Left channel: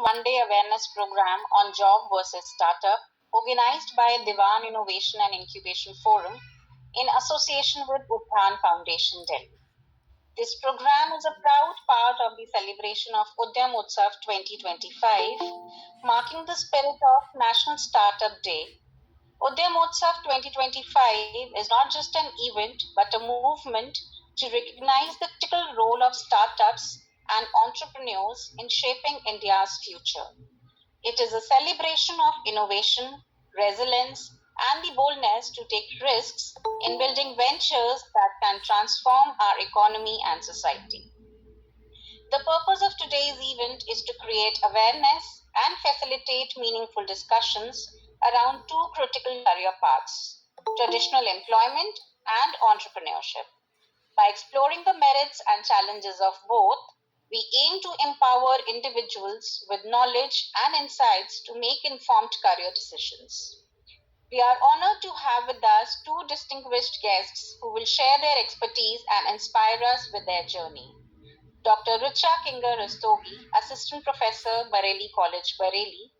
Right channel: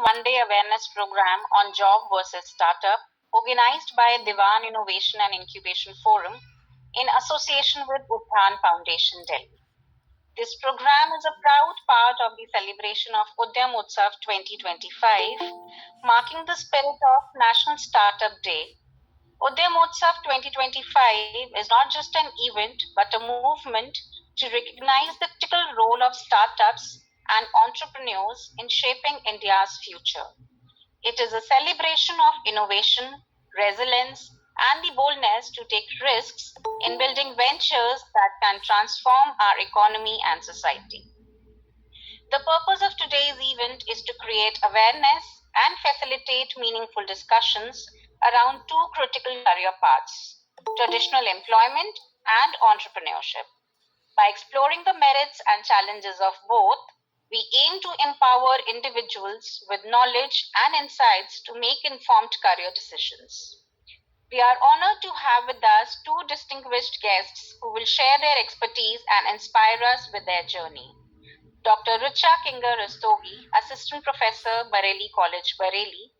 one-day awareness program on job versus startup, organized by Diwan Innovation and Incubation Forum in association with Uthan Foundation, Delhi. This program is a proud part of the celebration of Udyam Utsav 2025, marking the spirit of National Startup Day. Udyam Utsav 2025 is not just an event but a movement to recognize the critical role of startups and entrepreneurs in shaping India's future. It is a celebration of innovation, resilience, and the boldness to take risks in building ventures that can transform our economy and society. The purpose of today's event is to create awareness and facilitate meaningful discussions around two critical career paths: traditional employment and entrepreneurship. By exploring the merits and challenges of both, we aim to empower individuals with knowledge and insights to make informed career decisions. We are honored to have with us two distinguished guests who will share their expertise and inspire us with their journey. Dr. Richa Kinger Rastogi, Assistant Professor, Bareilly College, Bareilly.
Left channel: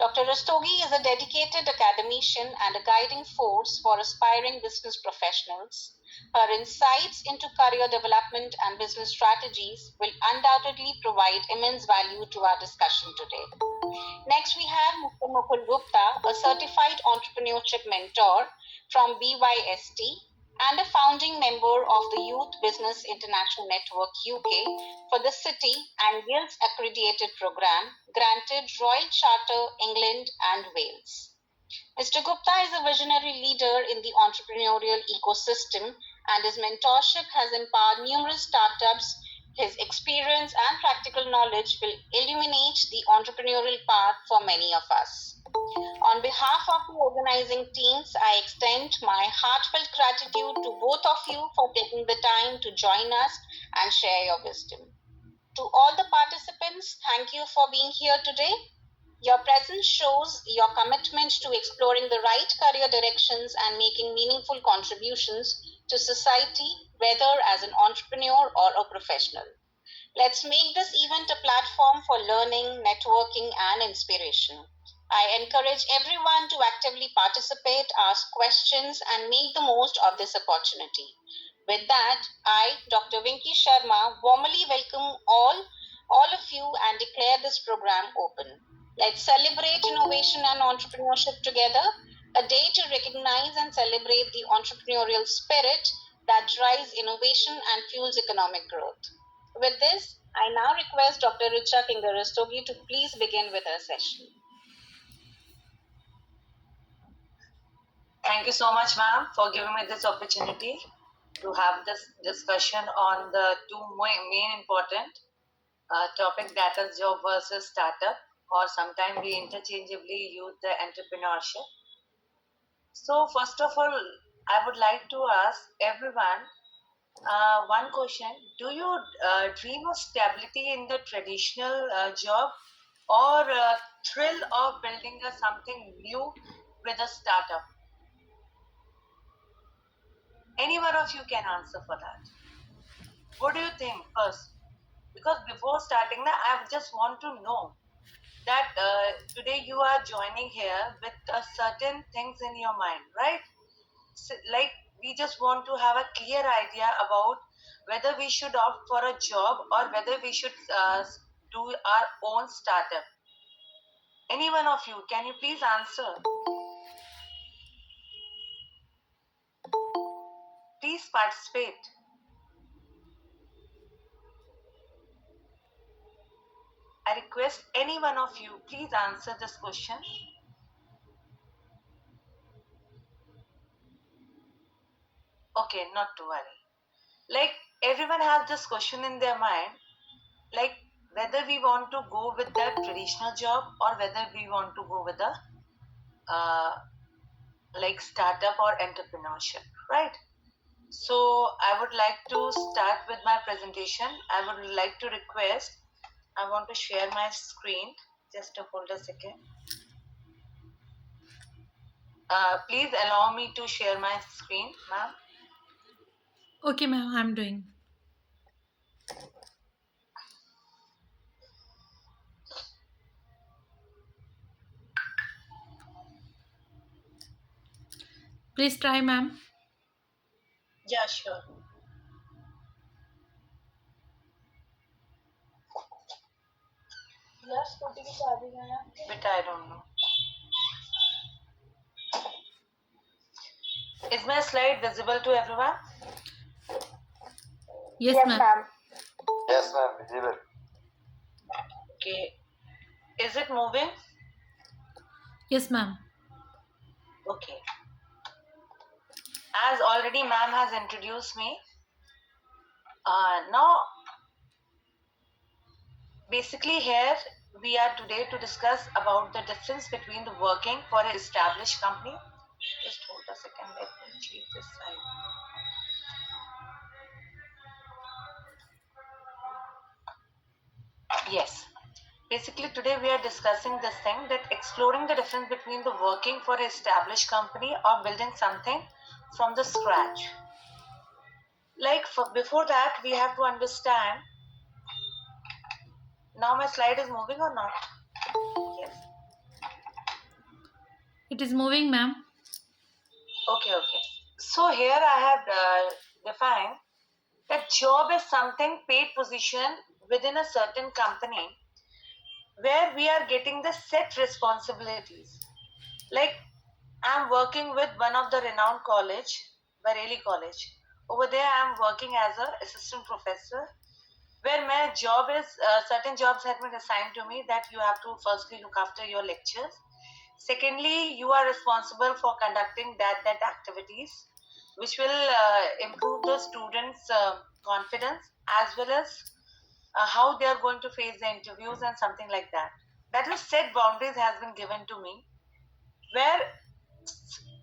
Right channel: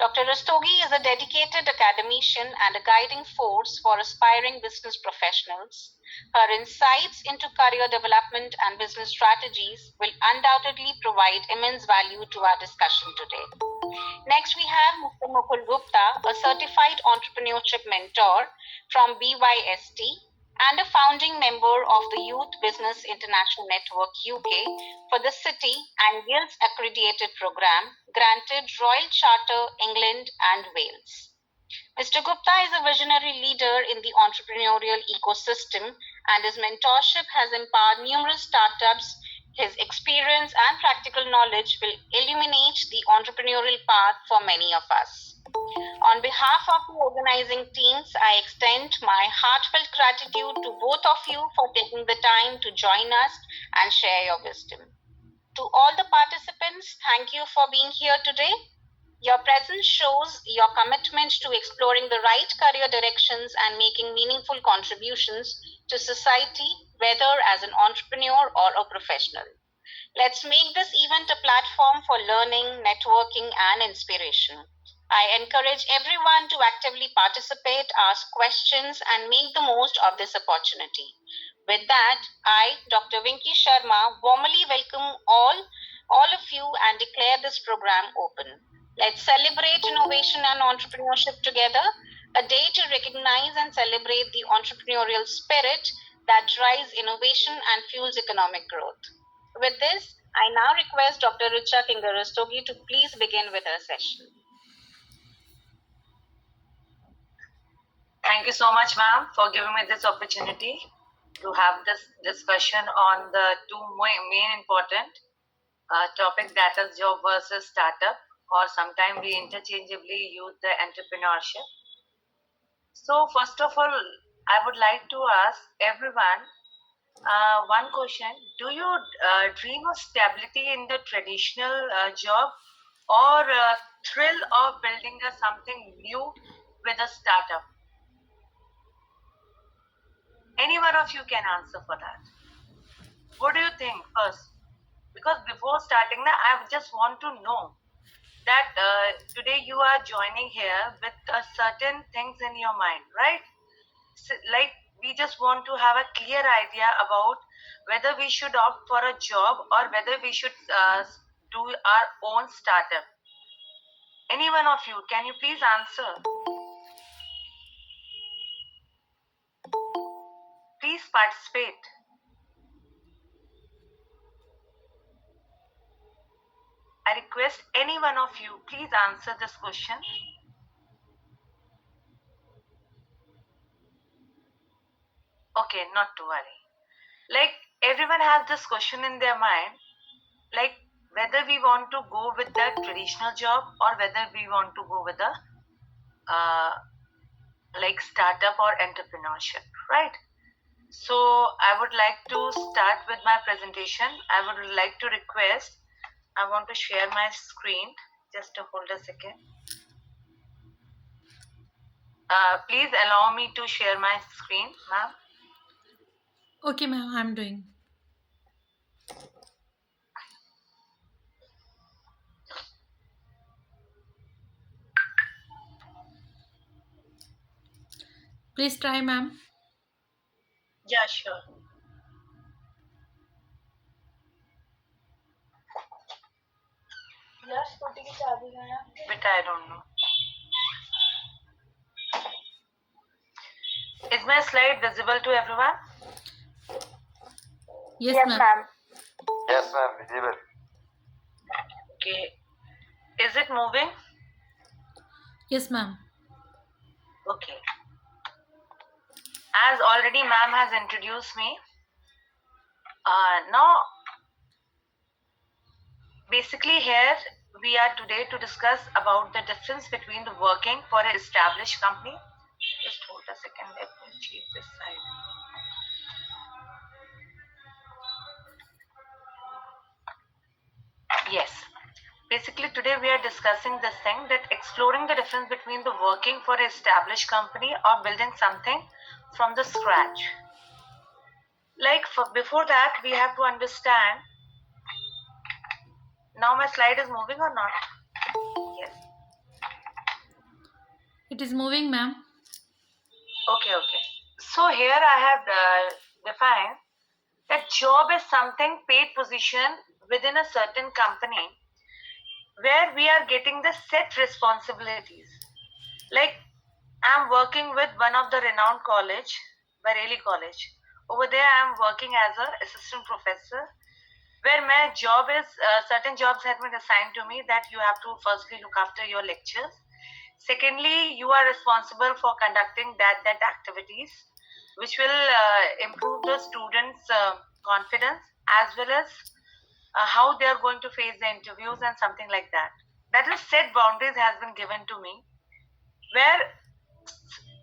Dr. Rastogi is a dedicated academician and a guiding force for aspiring business professionals. Her insights into career development and business strategies will undoubtedly provide immense value to our discussion today. Next, we have Mr. Mukul Gupta, a certified entrepreneurship mentor from BYST and a founding member of the Youth Business International Network UK for the City and Guilds Accredited Program, granted Royal Charter, England and Wales. Mr. Gupta is a visionary leader in the entrepreneurial ecosystem, and his mentorship has empowered numerous startups. His experience and practical knowledge will illuminate the entrepreneurial path for many of us. On behalf of the organizing teams, I extend my heartfelt gratitude to both of you for taking the time to join us and share your wisdom. To all the participants, thank you for being here today. Your presence shows your commitment to exploring the right career directions and making meaningful contributions to society, whether as an entrepreneur or a professional. Let's make this event a platform for learning, networking, and inspiration. I encourage everyone to actively participate, ask questions, and make the most of this opportunity. With that, I, Dr. Vinky Sharma, warmly welcome all of you and declare this program open. Let's celebrate innovation and entrepreneurship together, a day to recognize and celebrate the entrepreneurial spirit that drives innovation and fuels economic growth. With this, I now request Dr. Richa Kinger Rastogi to please begin with her session. Thank you so much, ma'am, for giving me this opportunity to have this discussion on the two main important topics, that is job versus startup, or sometimes we interchangeably use the entrepreneurship. So first of all, I would like to ask everyone one question. Do you dream of stability in the traditional job, or thrill of building something new with a startup? Any one of you can answer for that. What do you think first? Because before starting that, I just want to know that today you are joining here with certain things in your mind, right? So, like, we just want to have a clear idea about whether we should opt for a job or whether we should do our own startup. Any one of you, can you please answer? Please participate. I request any one of you, please answer this question. Okay, not to worry. Like, everyone has this question in their mind, like whether we want to go with the traditional job or whether we want to go with the like startup or entrepreneurship, right? So I would like to start with my presentation. I would like to request, I want to share my screen. Just to hold a second. Please allow me to share my screen, ma'am. Okay, ma'am, I'm doing. Please try, ma'am. Yeah, sure. But I don't know. Is my slide visible to everyone? Yes, Yes, ma'am. ma'am. Yes, ma'am, visible. Okay. Is it moving? Yes, ma'am. Okay. As already ma'am has introduced me, now basically here we are today to discuss about the difference between the working for an established company. Just hold a second, let me change this side. Yes. Basically today we are discussing this thing, that exploring the difference between the working for an established company or building something from the scratch. Like before that we have to understand. Now my slide is moving or not? Yes. It is moving, ma'am. Okay. So here I have defined that job is something paid position within a certain company where we are getting the set responsibilities. Like I'm working with one of the renowned college, Bareilly College. Over there I'm working as an assistant professor, where my job is certain jobs have been assigned to me, that you have to firstly look after your lectures. Secondly, you are responsible for conducting that activities which will improve the students' confidence, as well as how they are going to face the interviews and something like that. That is set boundaries has been given to me, where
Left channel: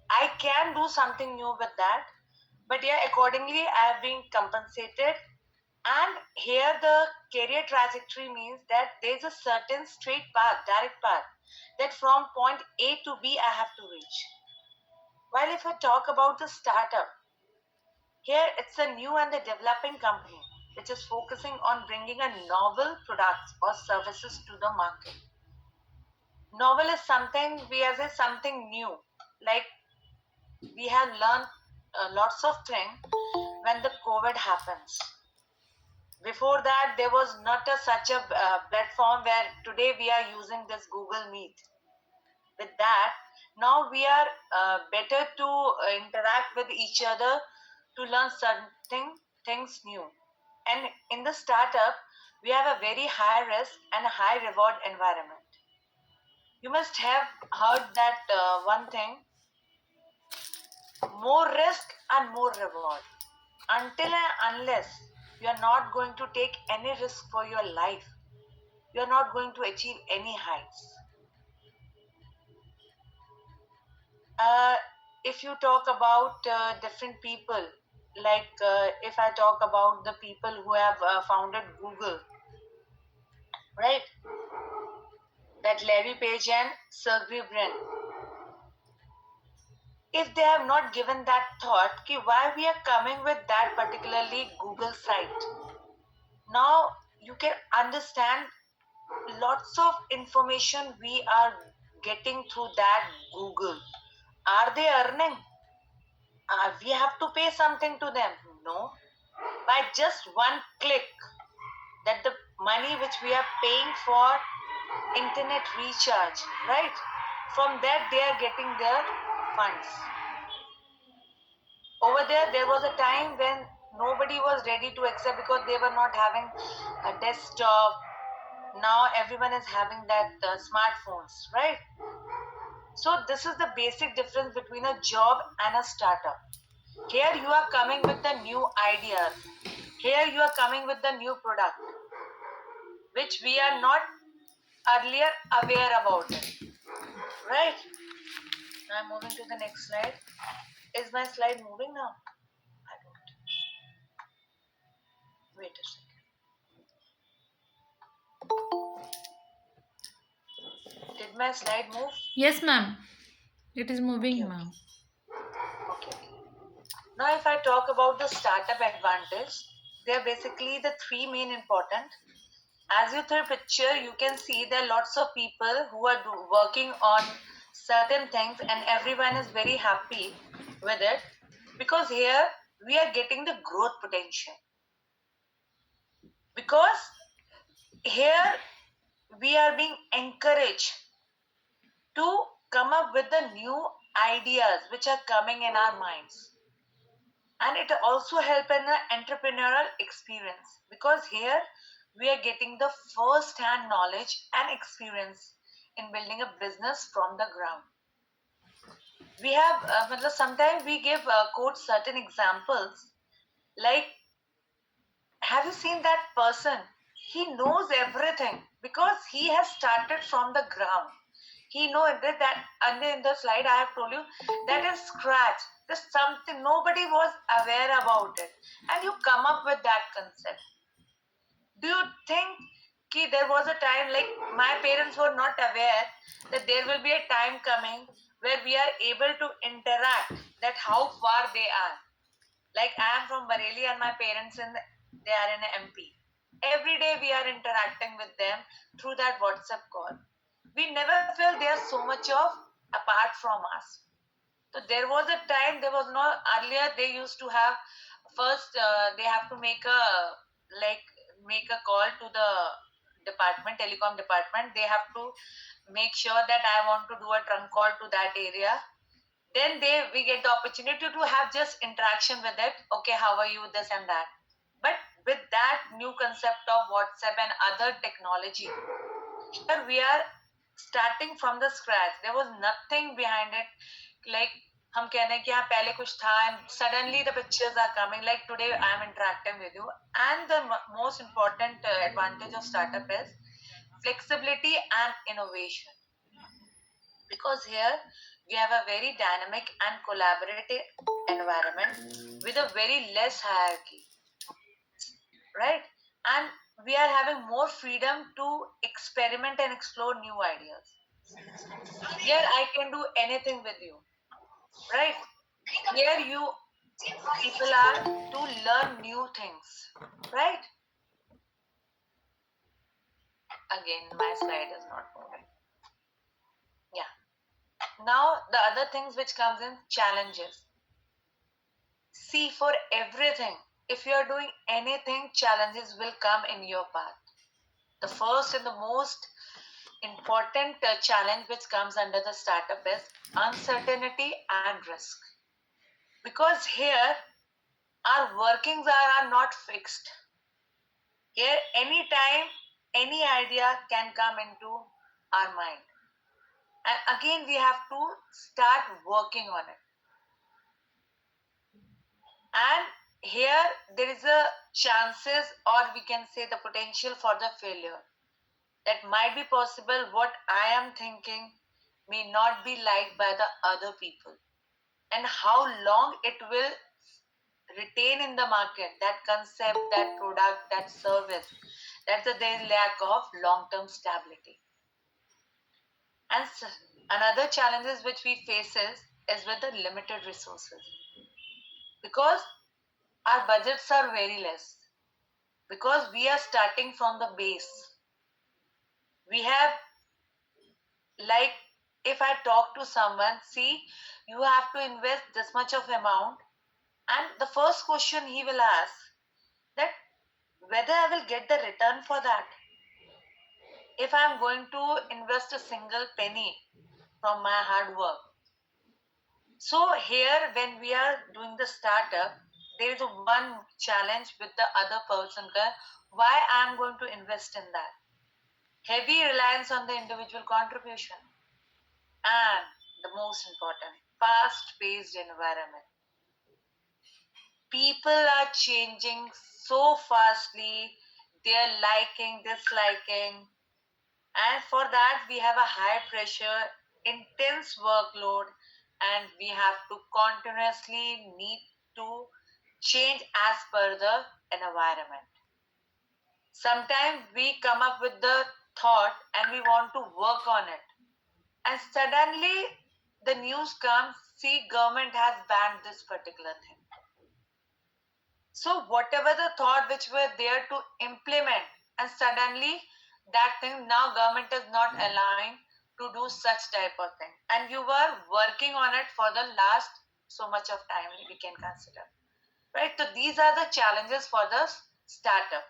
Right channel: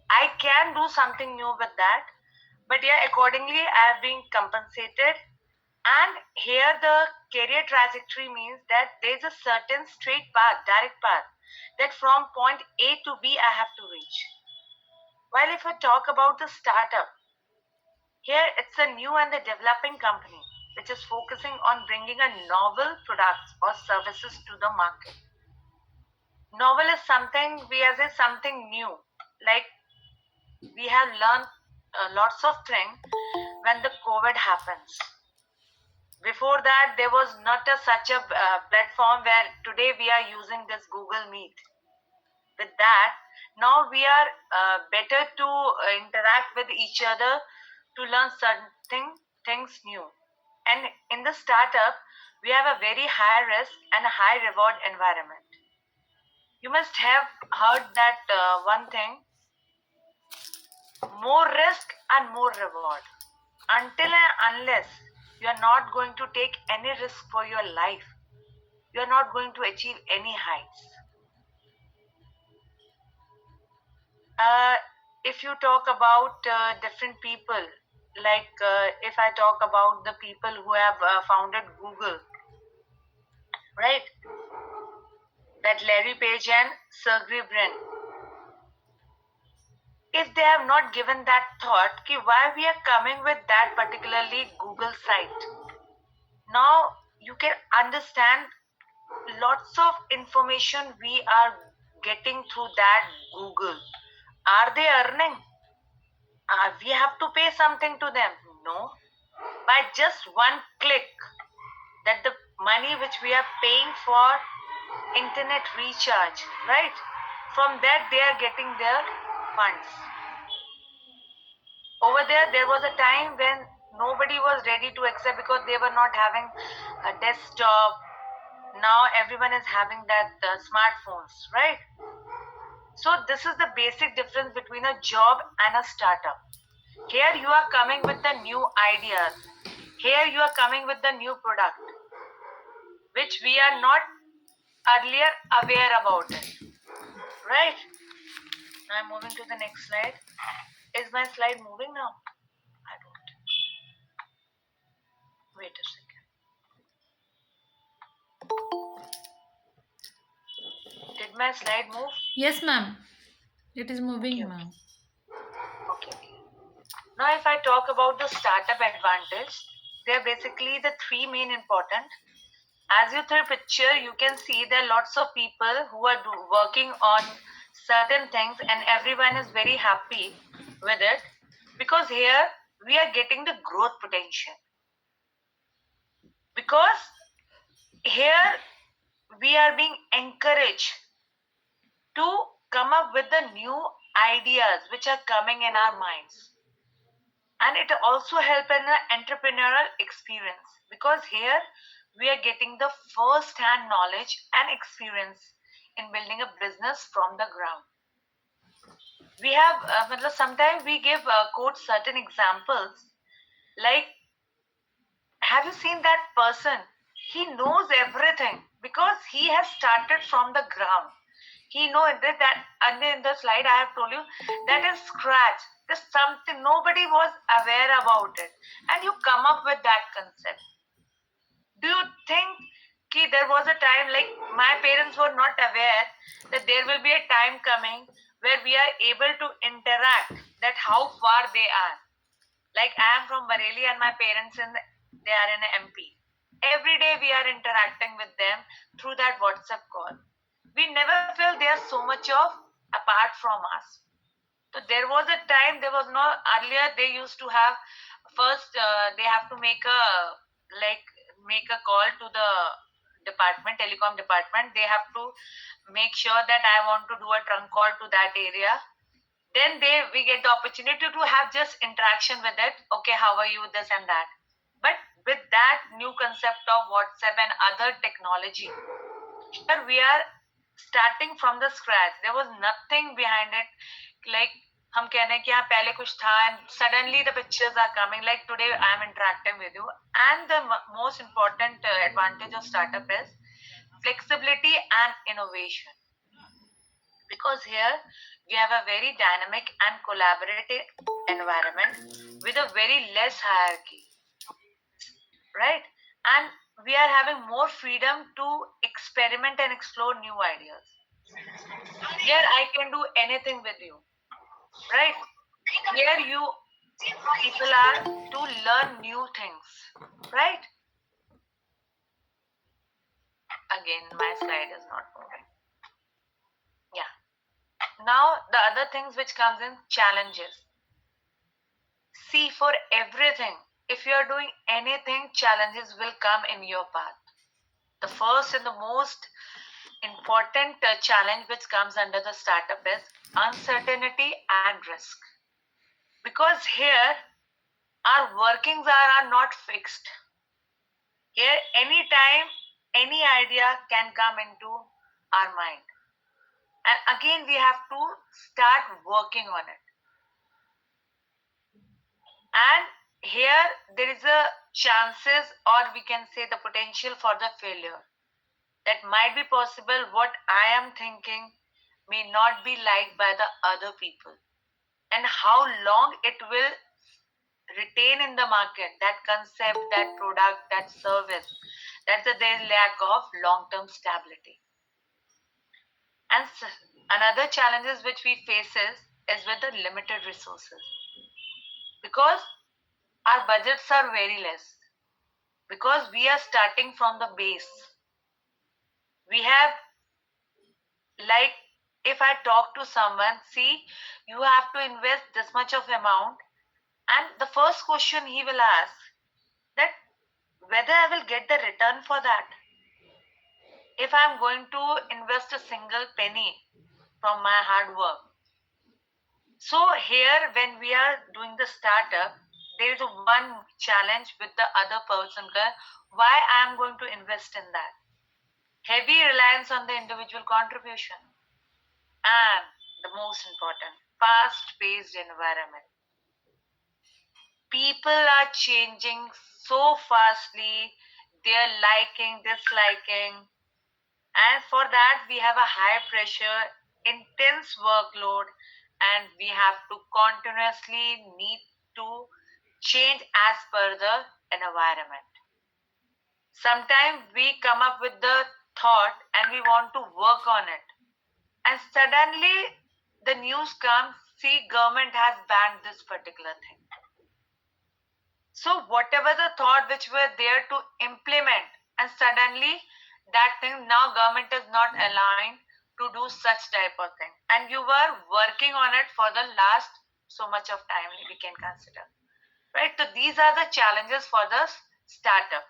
I can do something new with that. But yeah, accordingly, I have been compensated. And here the career trajectory means that there's a certain straight path, direct path, that from point A to B I have to reach. While if I talk about the startup, here it's a new and a developing company which is focusing on bringing a novel products or services to the market. Novel is something we as a something new, like we have learned lots of things when the COVID happens. Before that, there was not such a platform where today we are using this Google Meet. With that, now we are better to interact with each other to learn certain things new. And in the startup, we have a very high risk and a high reward environment. You must have heard that one thing, more risk and more reward. Until and unless you are not going to take any risk for your life, you are not going to achieve any heights. If you talk about different people, like if I talk about the people who have founded Google, right? That Larry Page and Sergey Brin. If they have not given that thought, ki why we are coming with that particularly Google site, now you can understand lots of information we are getting through that Google. Are they earning? We have to pay something to them? No. By just one click, that the money which we are paying for internet recharge, right? From that they are getting their funds. Over there was a time when nobody was ready to accept because they were not having a desktop. Now everyone is having that smartphones, right? So this is the basic difference between a job and a startup. Here you are coming with the new ideas. Here you are coming with the new product, which we are not earlier aware about it, right? I'm moving to the next slide. Is my slide moving now? I don't. Wait a second. Did my slide move? Yes, ma'am. It is moving, Okay. ma'am. Okay. Now, if I talk about the startup advantage, they're basically the three main important. As you third picture, you can see there are lots of people who are working on certain things, and everyone is very happy with it, because here we are getting the growth potential. Because here we are being encouraged to come up with the new ideas which are coming in our minds. And it also help in the entrepreneurial experience, because here we are getting the first hand knowledge and experience in building a business from the ground. We have sometimes we give quote certain examples, like, have you seen that person? He knows everything because he has started from the ground. He knows that, and in the slide I have told you that is scratch. There's something nobody was aware about it, and you come up with that concept. Do you think there was a time, like my parents were not aware that there will be a time coming where we are able to interact, that how far they are. Like I am from Bareilly and my parents they are in MP. Every day we are interacting with them through that WhatsApp call. We never feel they are so much of apart from us. So there was a time, there was no, earlier they used to have, first they have to make a call to the department, telecom department. They have to make sure that I want to do a trunk call to that area. Then we get the opportunity to have just interaction with it. Okay, how are you, this and that. But with that new concept of WhatsApp and other technology, here we are starting from the scratch. There was nothing behind it. Like हम कह रहे हैं कि हाँ पहले कुछ था, and suddenly the pictures are coming. Like today I am interacting with you, and the most important advantage of startup is flexibility and innovation. Because here we have a very dynamic and collaborative environment with a very less hierarchy, right? And we are having more freedom to experiment and explore new ideas. Here I can do anything with you, right? Here people are to learn new things, right? Again, my slide is not moving. Yeah. Now the other things which comes in, challenges. See, for everything, if you are doing anything, challenges will come in your path. The first and the most important challenge which comes under the startup is uncertainty and risk. Because here our workings are not fixed. Here anytime any idea can come into our mind. And again we have to start working on it. And here there is a chances, or we can say the potential for the failure. That might be possible. What I am thinking may not be liked by the other people, and how long it will retain in the market, that concept, that product, that service. That's their lack of long-term stability. And another challenges which we face is with the limited resources, because our budgets are very less, because we are starting from the base. We have, like, if I talk to someone, see, you have to invest this much of amount, and the first question he will ask, that whether I will get the return for that. If I am going to invest a single penny from my hard work. So here when we are doing the startup, there is one challenge with the other person, why I am going to invest in that. Heavy reliance on the individual contribution. And the most important, fast-paced environment. People are changing so fastly, they're liking, disliking, and for that we have a high pressure, intense workload, and we have to continuously need to change as per the environment. Sometimes we come up with the thought and we want to work on it, and suddenly the news comes, see, government has banned this particular thing. So whatever the thought which were there to implement, and suddenly that thing, now government is not allowing to do such type of thing, and you were working on it for the last so much of time we can consider, right? So these are the challenges for the startup.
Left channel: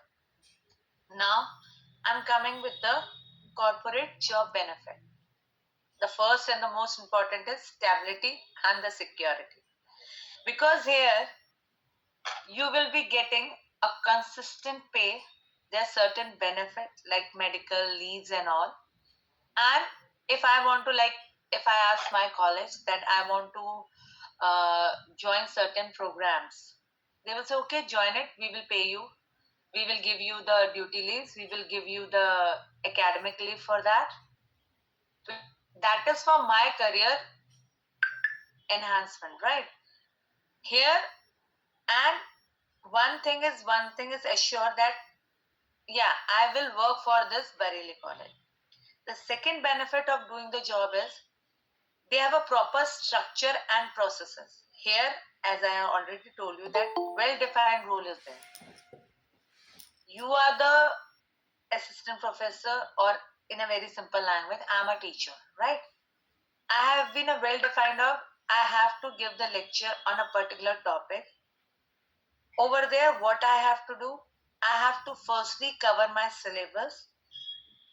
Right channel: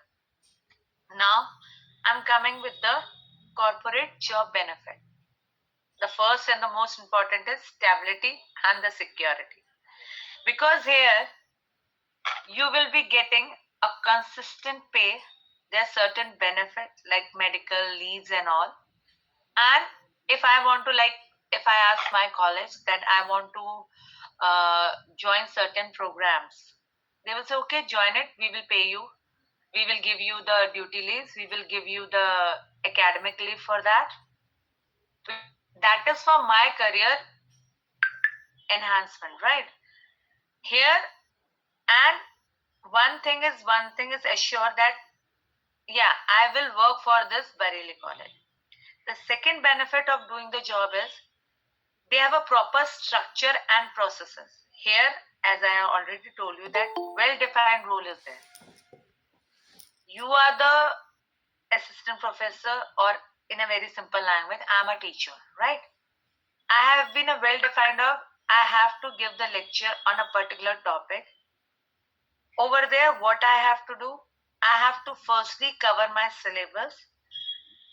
Now I'm coming with the corporate job benefit. The first and the most important is stability and the security, because here you will be getting a consistent pay. There are certain benefits like medical leaves and all. And if I want to, like, if I ask my college that I want to join certain programs, they will say, okay, join it, we will pay you, we will give you the duty leaves, we will give you the academic leave for that. That is for my career enhancement, right? Here, and one thing is assured that yeah, I will work for this Bareilly college. The second benefit of doing the job is they have a proper structure and processes. Here, as I have already told you, that well-defined role is there. You are the assistant professor, or in a very simple language, I'm a teacher, right? I have been a well-defined of, I have to give the lecture on a particular topic. Over there, what I have to do, I have to firstly cover my syllabus.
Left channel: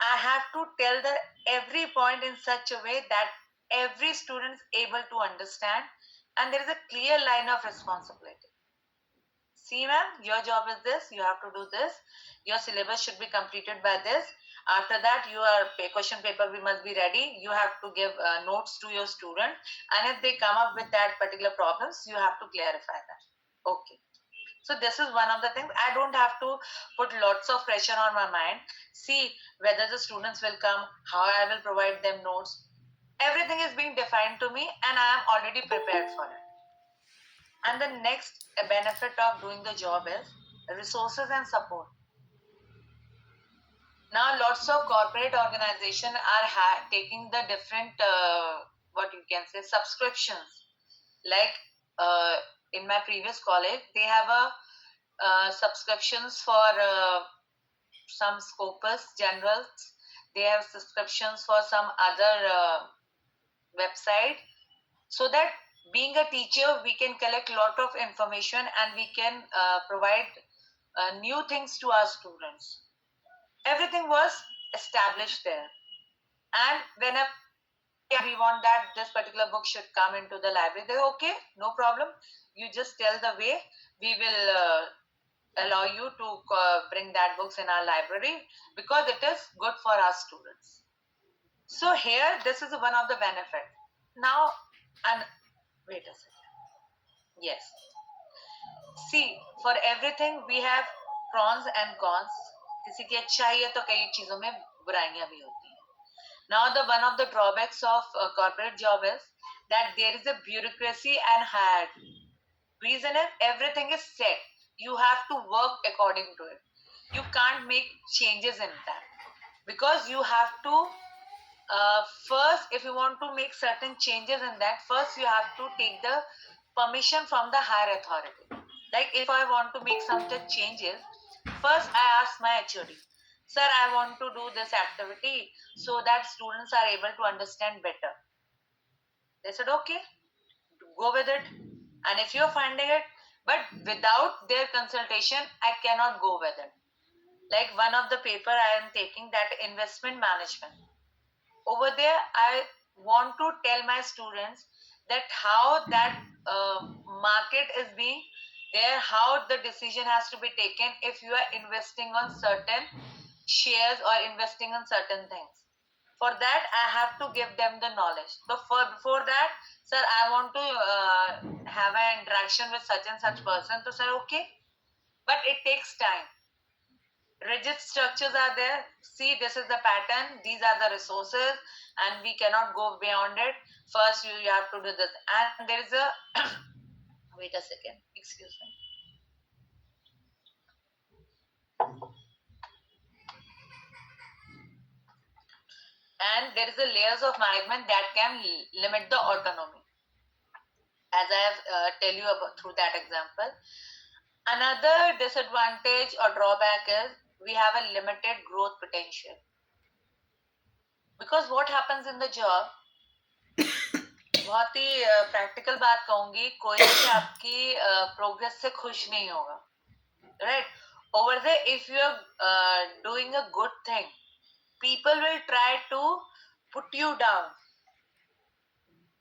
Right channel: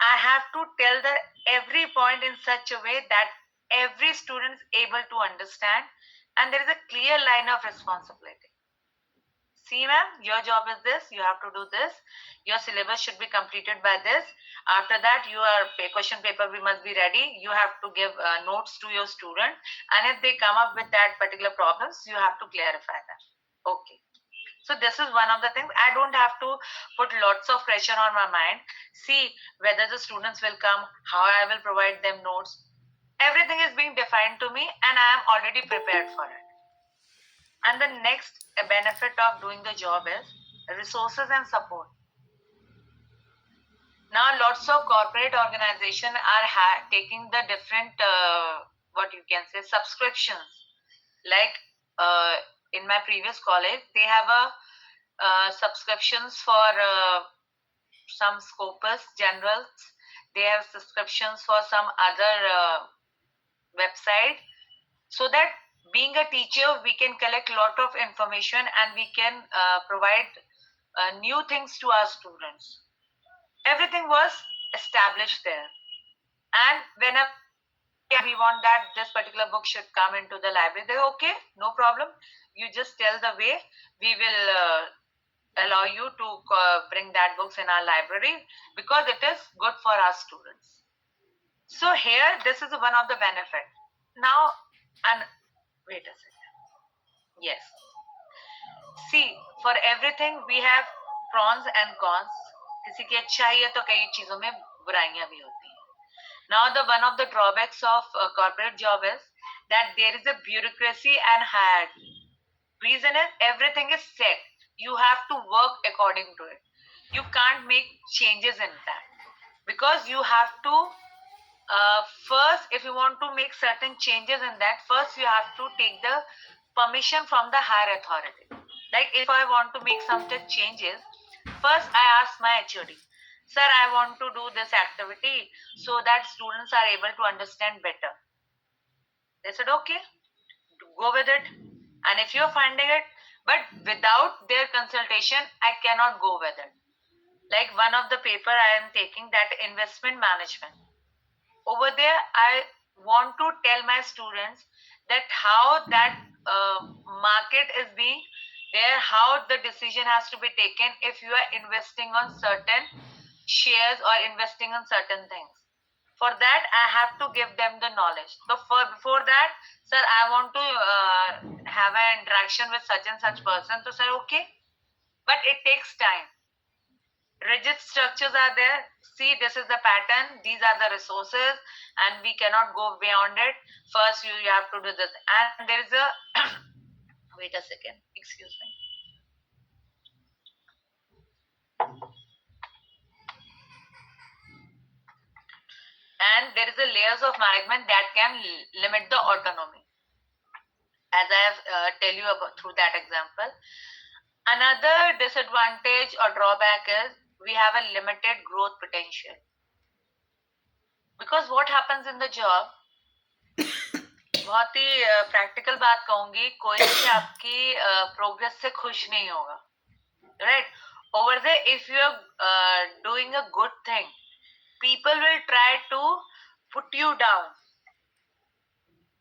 I have to tell the every point in such a way that every student is able to understand, and there is a clear line of responsibility. See, ma'am, your job is this, you have to do this, your syllabus should be completed by this. After that, your question paper we must be ready. You have to give notes to your student, and if they come up with that particular problems, you have to clarify that. Okay. So this is one of the things. I don't have to put lots of pressure on my mind. See whether the students will come, how I will provide them notes. Everything is being defined to me, and I am already prepared for it. And the next benefit of doing the job is resources and support. Now, lots of corporate organizations are taking the different, what you can say, subscriptions. Like in my previous college, they have a subscriptions for some Scopus generals. They have subscriptions for some other website, so that being a teacher, we can collect lot of information and we can provide new things to our students. Everything was established there, and whenever we want that this particular book should come into the library, they okay, no problem, you just tell the way, we will allow you to bring that books in our library, because it is good for our students. So here, this is one of the benefit. Now, and wait a second. Yes. See, for everything we have pros and cons. किसी की अच्छाई है तो कई चीजों में बुराइयां भी होती हैं. Now, the one of the drawbacks of corporate job is that there is a bureaucracy and hierarchy. Reason is everything is set. You have to work according to it. You can't make changes in that, because you have to first, if you want to make certain changes in that, first you have to take the permission from the higher authority. Like if I want to make some changes, first I ask my HOD, sir, I want to do this activity so that students are able to understand better. They said, okay, go with it. And if you're finding it, but without their consultation, I cannot go with it. Like one of the paper I am taking, that investment management. Over there, I want to tell my students that how that market is being there, how the decision has to be taken if you are investing on certain shares or investing on certain things. For that, I have to give them the knowledge. So before that, sir, I want to have an interaction with such and such person. So sir, okay, but it takes time. Rigid structures are there. See, this is the pattern, these are the resources, and we cannot go beyond it. First you have to do this, and there is a wait a second, excuse me. And there is a layers of management that can limit the autonomy, as I have tell you about through that example. Another disadvantage or drawback is we have a limited growth potential. Because what happens in the job, बहुत ही practical बात कहूंगी, कोई भी आपकी progress से खुश नहीं होगा, right? Over there, if you are doing a good thing, people will try to put you down.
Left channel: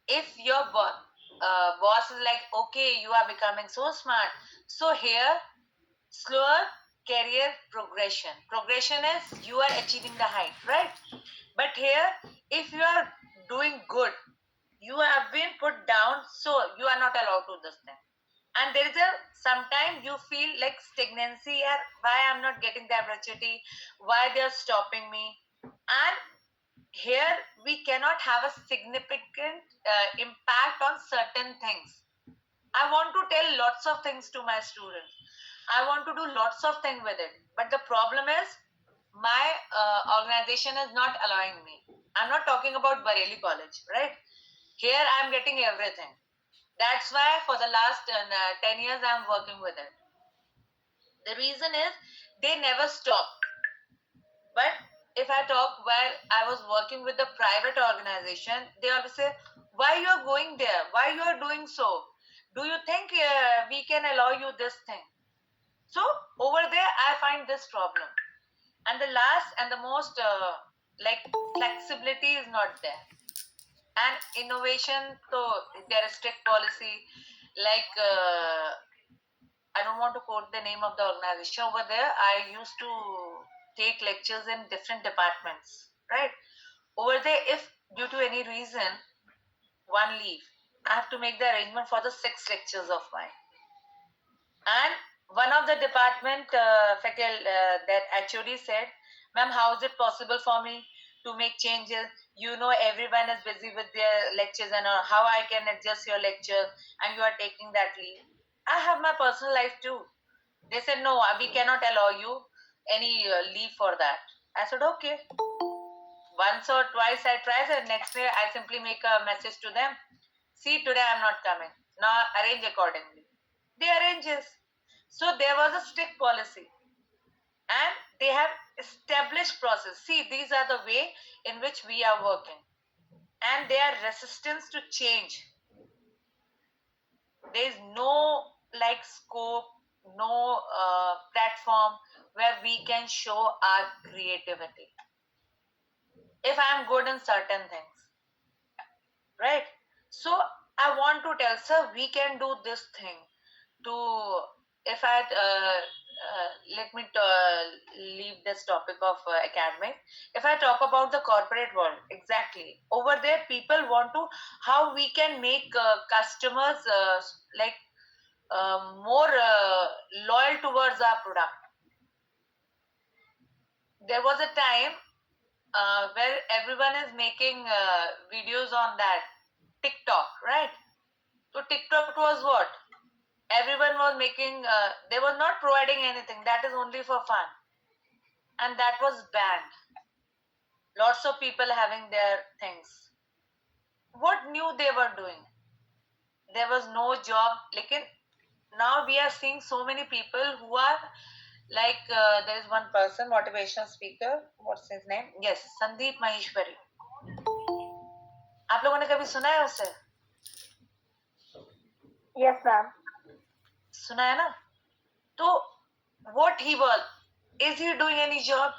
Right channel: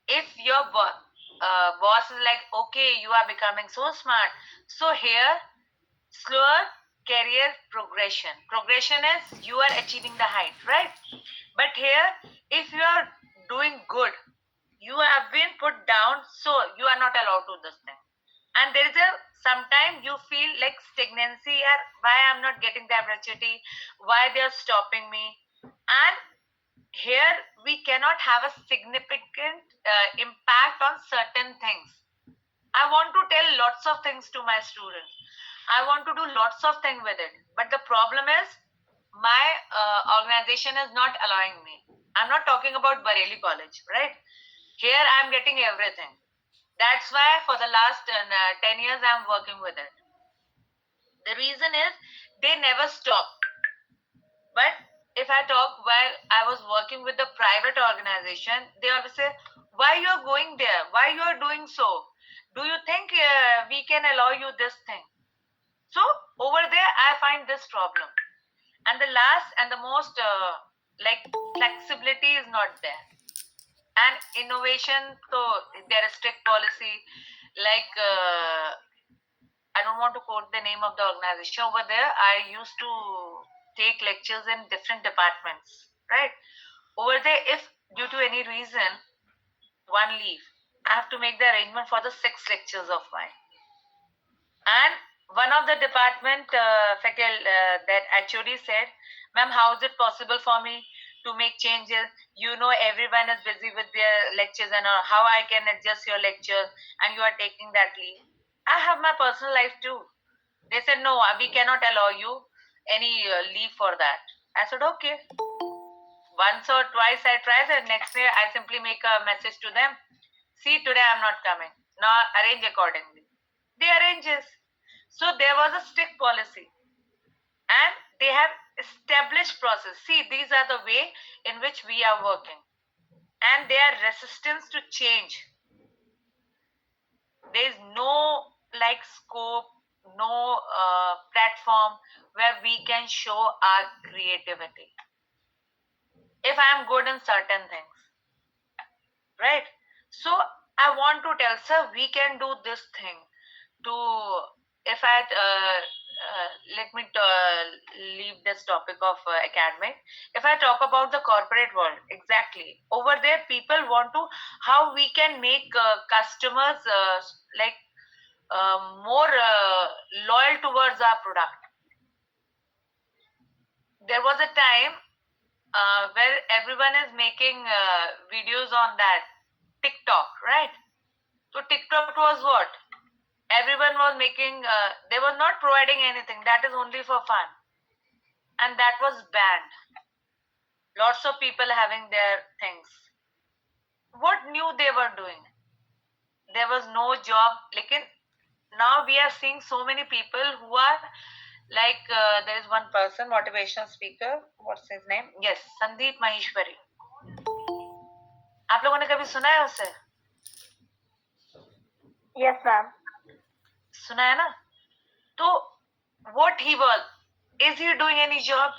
If your boss is like, okay, you are becoming so smart, so here, slower career progression. Progression is you are achieving the height, right? But here, if you are doing good, you have been put down, so you are not allowed to this thing. And there is a sometimes you feel like stagnancy, or why I'm not getting the opportunity, why they are stopping me. And here we cannot have a significant impact on certain things. I want to tell lots of things to my students, I want to do lots of things with it, but the problem is my organization is not allowing me. I'm not talking about Bareilly College, right? Here I'm getting everything. That's why for the last 10 years I'm working with it. The reason is they never stop. But if I talk while I was working with the private organization, they always say, why you are going there? Why you are doing so? Do you think we can allow you this thing? So over there, I find this problem. And the last and the most like flexibility is not there. And innovation, so there is strict policy. Like I don't want to quote the name of the organization. Over there, I used to take lectures in different departments, right? Over there, if due to any reason one leave, I have to make the arrangement for the 6 lectures of mine. And one of the department that HOD said, ma'am, how is it possible for me to make changes? You know, everyone is busy with their lectures and how I can adjust your lecture and you are taking that leave. I have my personal life too. They said, no, we cannot allow you any leave for that. I said, okay. Once or twice I tried, and next day I simply make a message to them. See, today I'm not coming. Now arrange accordingly. They arranges. So there was a strict policy. And they have established process. See, these are the way in which we are working. And their resistance to change. There is no like scope, no platform where we can show our creativity. If I am good in certain things, right? So I want to tell, sir, we can do this thing to, if I let me leave this topic of academic. If I talk about the corporate world, exactly over there, people want to how we can make customers like more loyal towards our product. There was a time where everyone is making videos on that TikTok, right? So TikTok was what? Everyone was making, they were not providing anything. That is only for fun. And that was banned. Lots of people having their things. What new they were doing? There was no job. Now we are seeing so many people who are like, there is one person, motivational speaker. What's his name? Yes, Sandeep Maheshwari. आप लोगों ने कभी सुना है उसे? Yes, ma'am. सुना है ना? तो what he was, is he doing any job?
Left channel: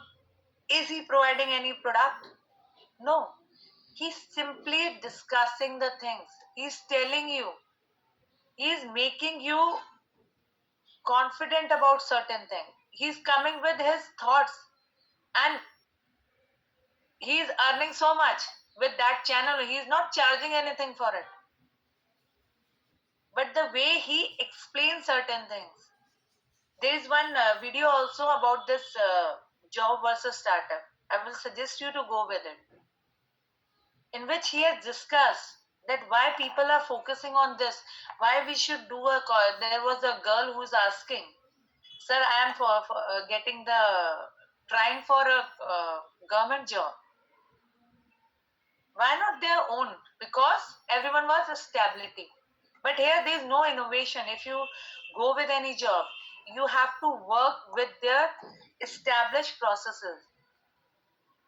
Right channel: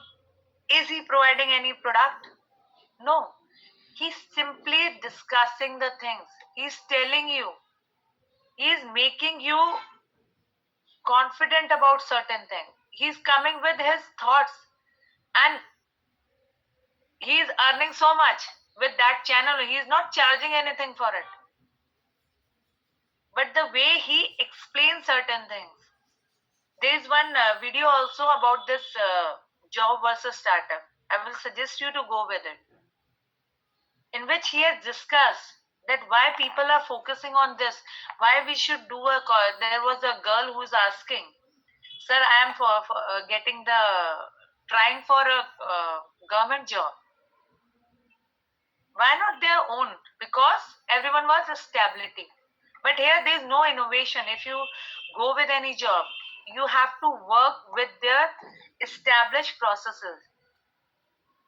Is he providing any product? No. He's simply discussing the things. He's telling you. He's making you confident about certain things. He's coming with his thoughts and he's earning so much with that channel. He's not charging anything for it. But the way he explains certain things. There is one video also about this job versus startup. I will suggest you to go with it. In which he has discussed that why people are focusing on this, why we should do a call. There was a girl who is asking, sir, I am for getting the, trying for a government job. Why not their own? Because everyone wants a stability. But here there is no innovation. If you go with any job, you have to work with their established processes.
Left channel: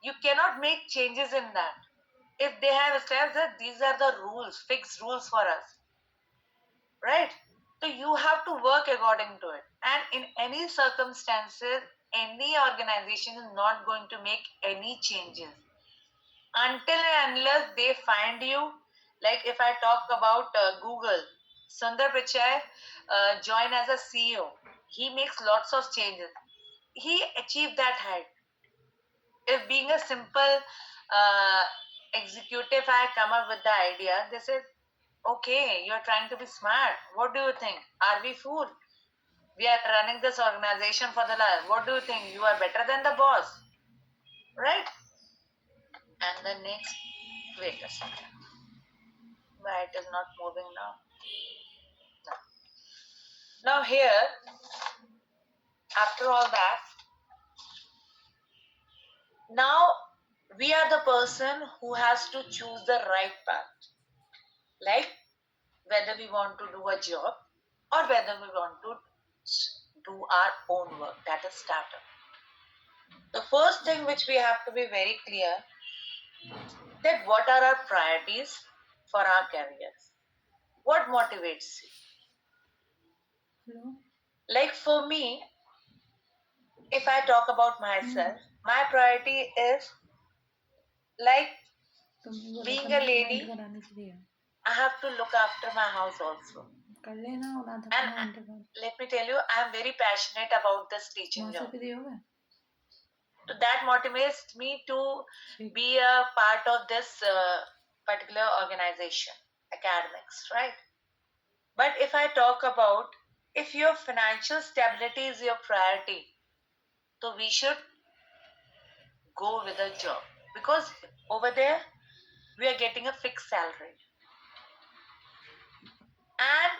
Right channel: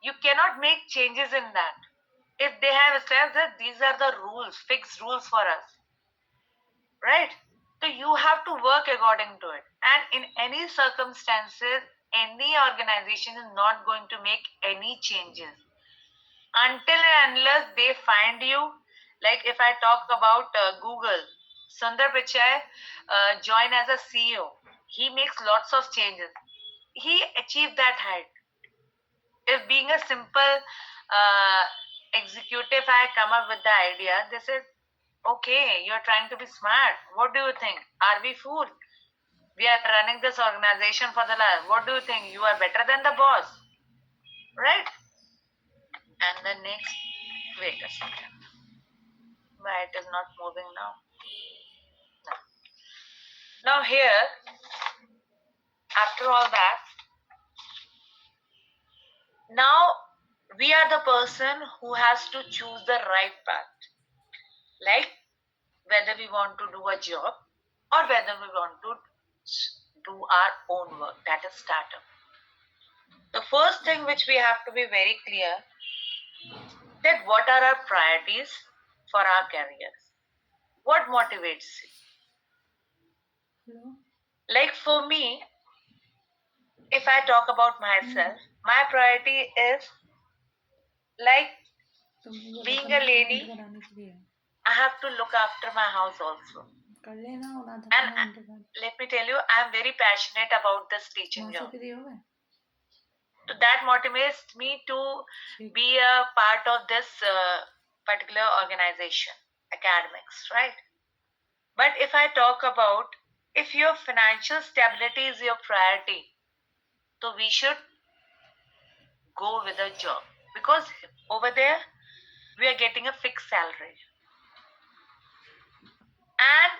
You cannot make changes in that. if they have established that these are the rules, fixed rules for us, right? So you have to work according to it. And in any circumstances, any organization is not going to make any changes until and unless they find you. Like if I talk about Google, Sundar Pichai joined as a CEO. He makes lots of changes. He achieved that height. If being a simple uh, executive, I come up with the idea, they said, okay, you're trying to be smart. What do you think? Are we fool? We are running this organization for the last. What do you think? You are better than the boss, right? And the next, wait a second. Why it is not moving now? No. Now here, after all that, now we are the person who has to choose the right path. Like whether we want to do a job or whether we want to do our own work, that is startup. The first thing which we have to be very clear, that what are our priorities for our careers, what motivates you. Hello. Like for me, if I talk about myself, my priority is like तुम वो being button a lady, comment कराने के लिए I have to look after my house also. कर लेना और आधा And घंटे के बाद let me tell you, I am very passionate about this teaching वहाँ से job. फ्री हो गए So that motivates me to ठीक be a part of this particular organization, academics, right? But if I talk about, if your financial stability is your priority, so we should go with a job, because over there we are getting a fixed salary. And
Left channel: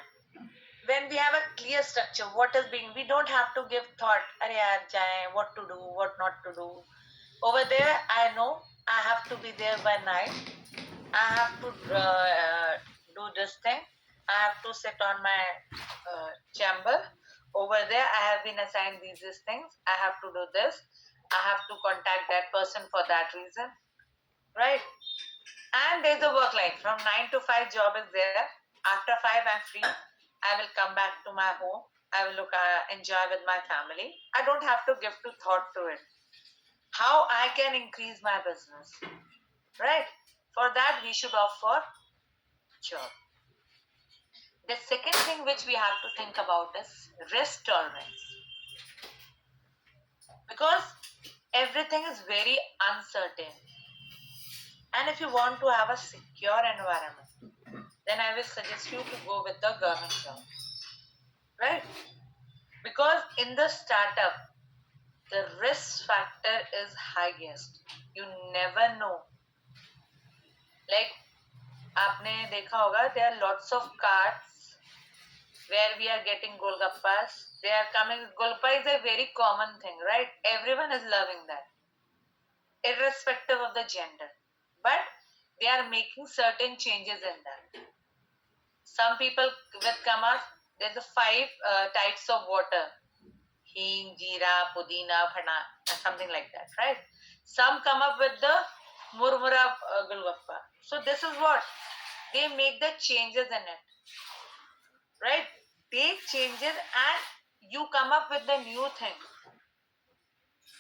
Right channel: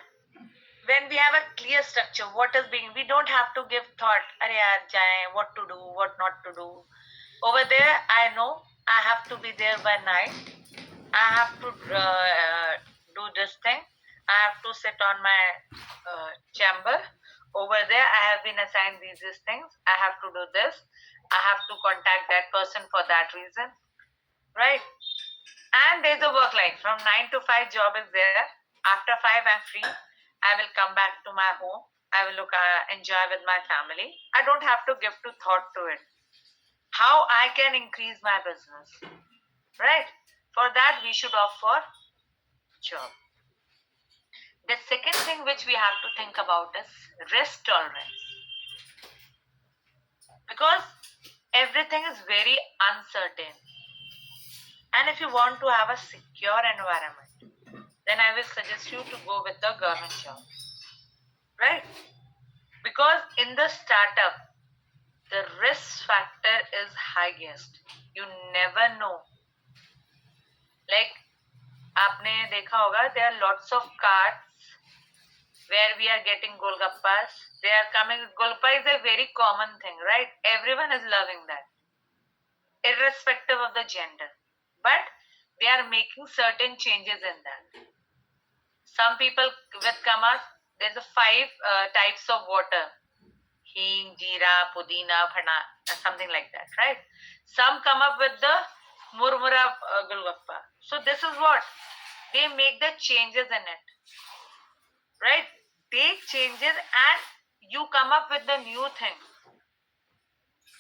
when we have a clear structure, what is being, we don't have to give thought, "Arey yaar, jaye, what to do, what not to do." Over there, I know I have to be there by 9. I have to do this thing. I have to sit on my chamber. Over there, I have been assigned these things. I have to do this. I have to contact that person for that reason, right? And there's a work life. From 9 to 5 job is there. After 5, I'm free. I will come back to my home. I will enjoy with my family. I don't have to give to thought to it. How I can increase my business, right? For that, we should opt for job. The second thing which we have to think about is risk tolerance. Because everything is very uncertain. And if you want to have a secure environment, then I will suggest you to go with the government job, right? Because in the startup, the risk factor is highest. You never know. Like, आपने देखा होगा, there are lots of carts where we are getting golgappas. They are coming. Golgappa is a very common thing, right? Everyone is loving that, irrespective of the gender. But they are making certain changes in that. Some people with kamas, there's a 5 types of water: hing, jeera, pudina, phana, something like that, right? Some come up with the murmura golgappa. So this is what they make the changes in it, right? They changes and you come up with the new thing.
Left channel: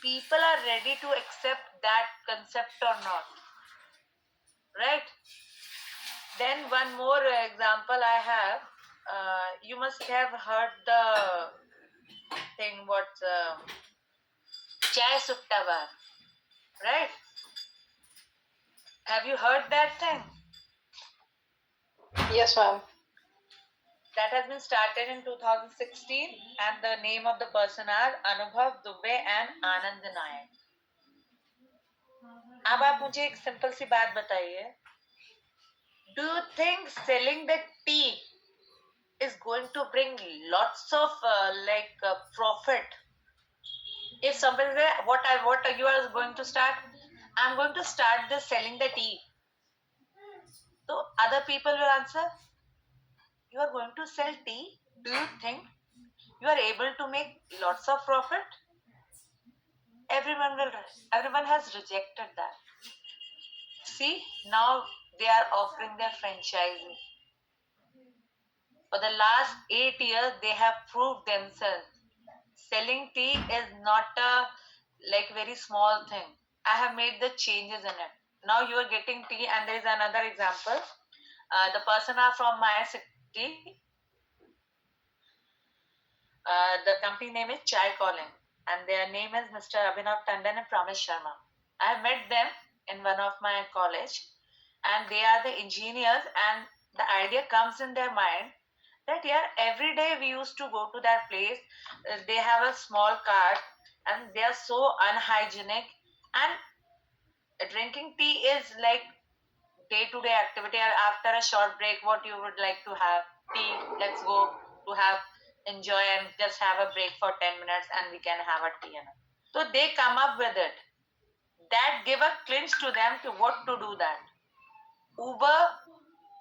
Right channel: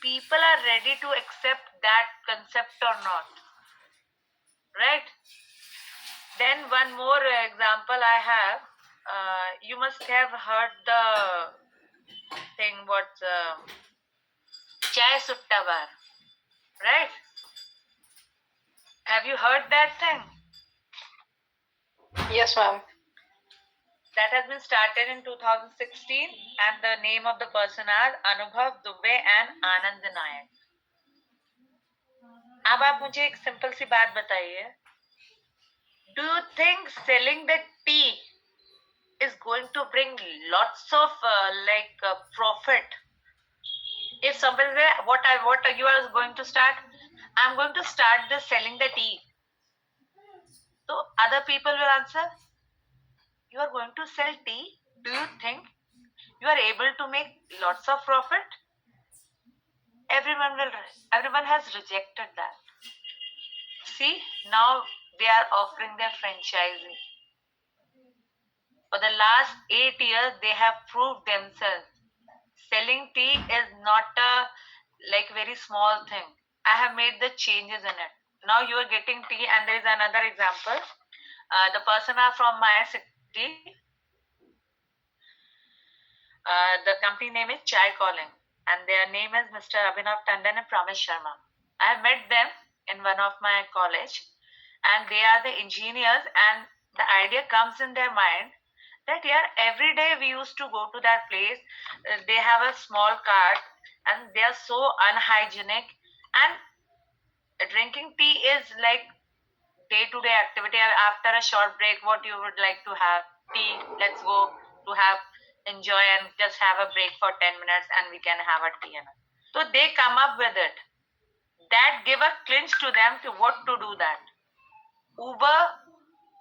People are ready to accept that concept or not, right? Then one more example I have. You must have heard the thing what chai sutta bar, right? Have you heard that thing? Yes, ma'am. That has been started in 2016 and the name of the person are Anubhav Dubey and Anand Nayak. अब आप मुझे एक simple सी बात बताइए. Do you think selling the tea is going to bring lots of profit? If somebody say, what you are going to start? I'm going to start this selling the tea. So other people will answer, you are going to sell tea? Do you think you are able to make lots of profit? Everyone has rejected that. See, now they are offering their franchising. For the last 8 years, they have proved themselves. Selling tea is not a like very small thing. I have made the changes in it. Now you are getting tea, and there is another example. The person are from my city. The company name is Chai Calling, and their name is Mr. Abhinav Tandon and Pramesh Sharma. I have met them in one of my college, and they are the engineers, and the idea comes in their mind that yeah, every day we used to go to that place. They have a small cart, and they are so unhygienic, and drinking tea is like day-to-day activity. After a short break, what you would like to have? Tea. Let's go to have enjoy and just have a break for 10 minutes, and we can have a tea. So they come up with it. That give a clinch to them to what to do that. Uber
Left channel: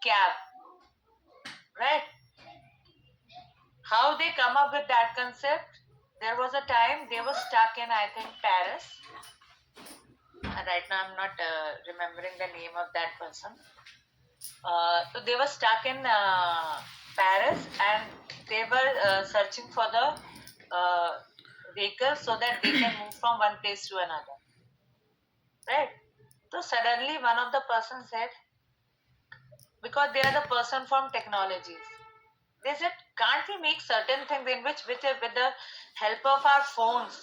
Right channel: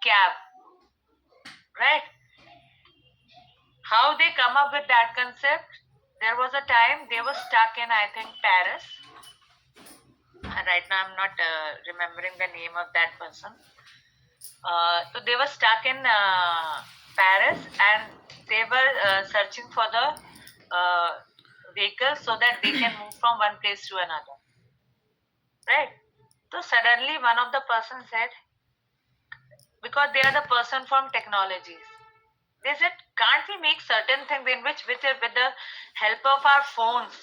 cab, right? How they come up with that concept? There was a time they were stuck in, I think, Paris. Right now, I'm not remembering the name of that person. So they were stuck in Paris, and they were searching for the vehicle so that they can move from one place to another. Right? So suddenly one of the person said, because they are the person from technologies, they said, can't we make certain things in which with the help of our phones,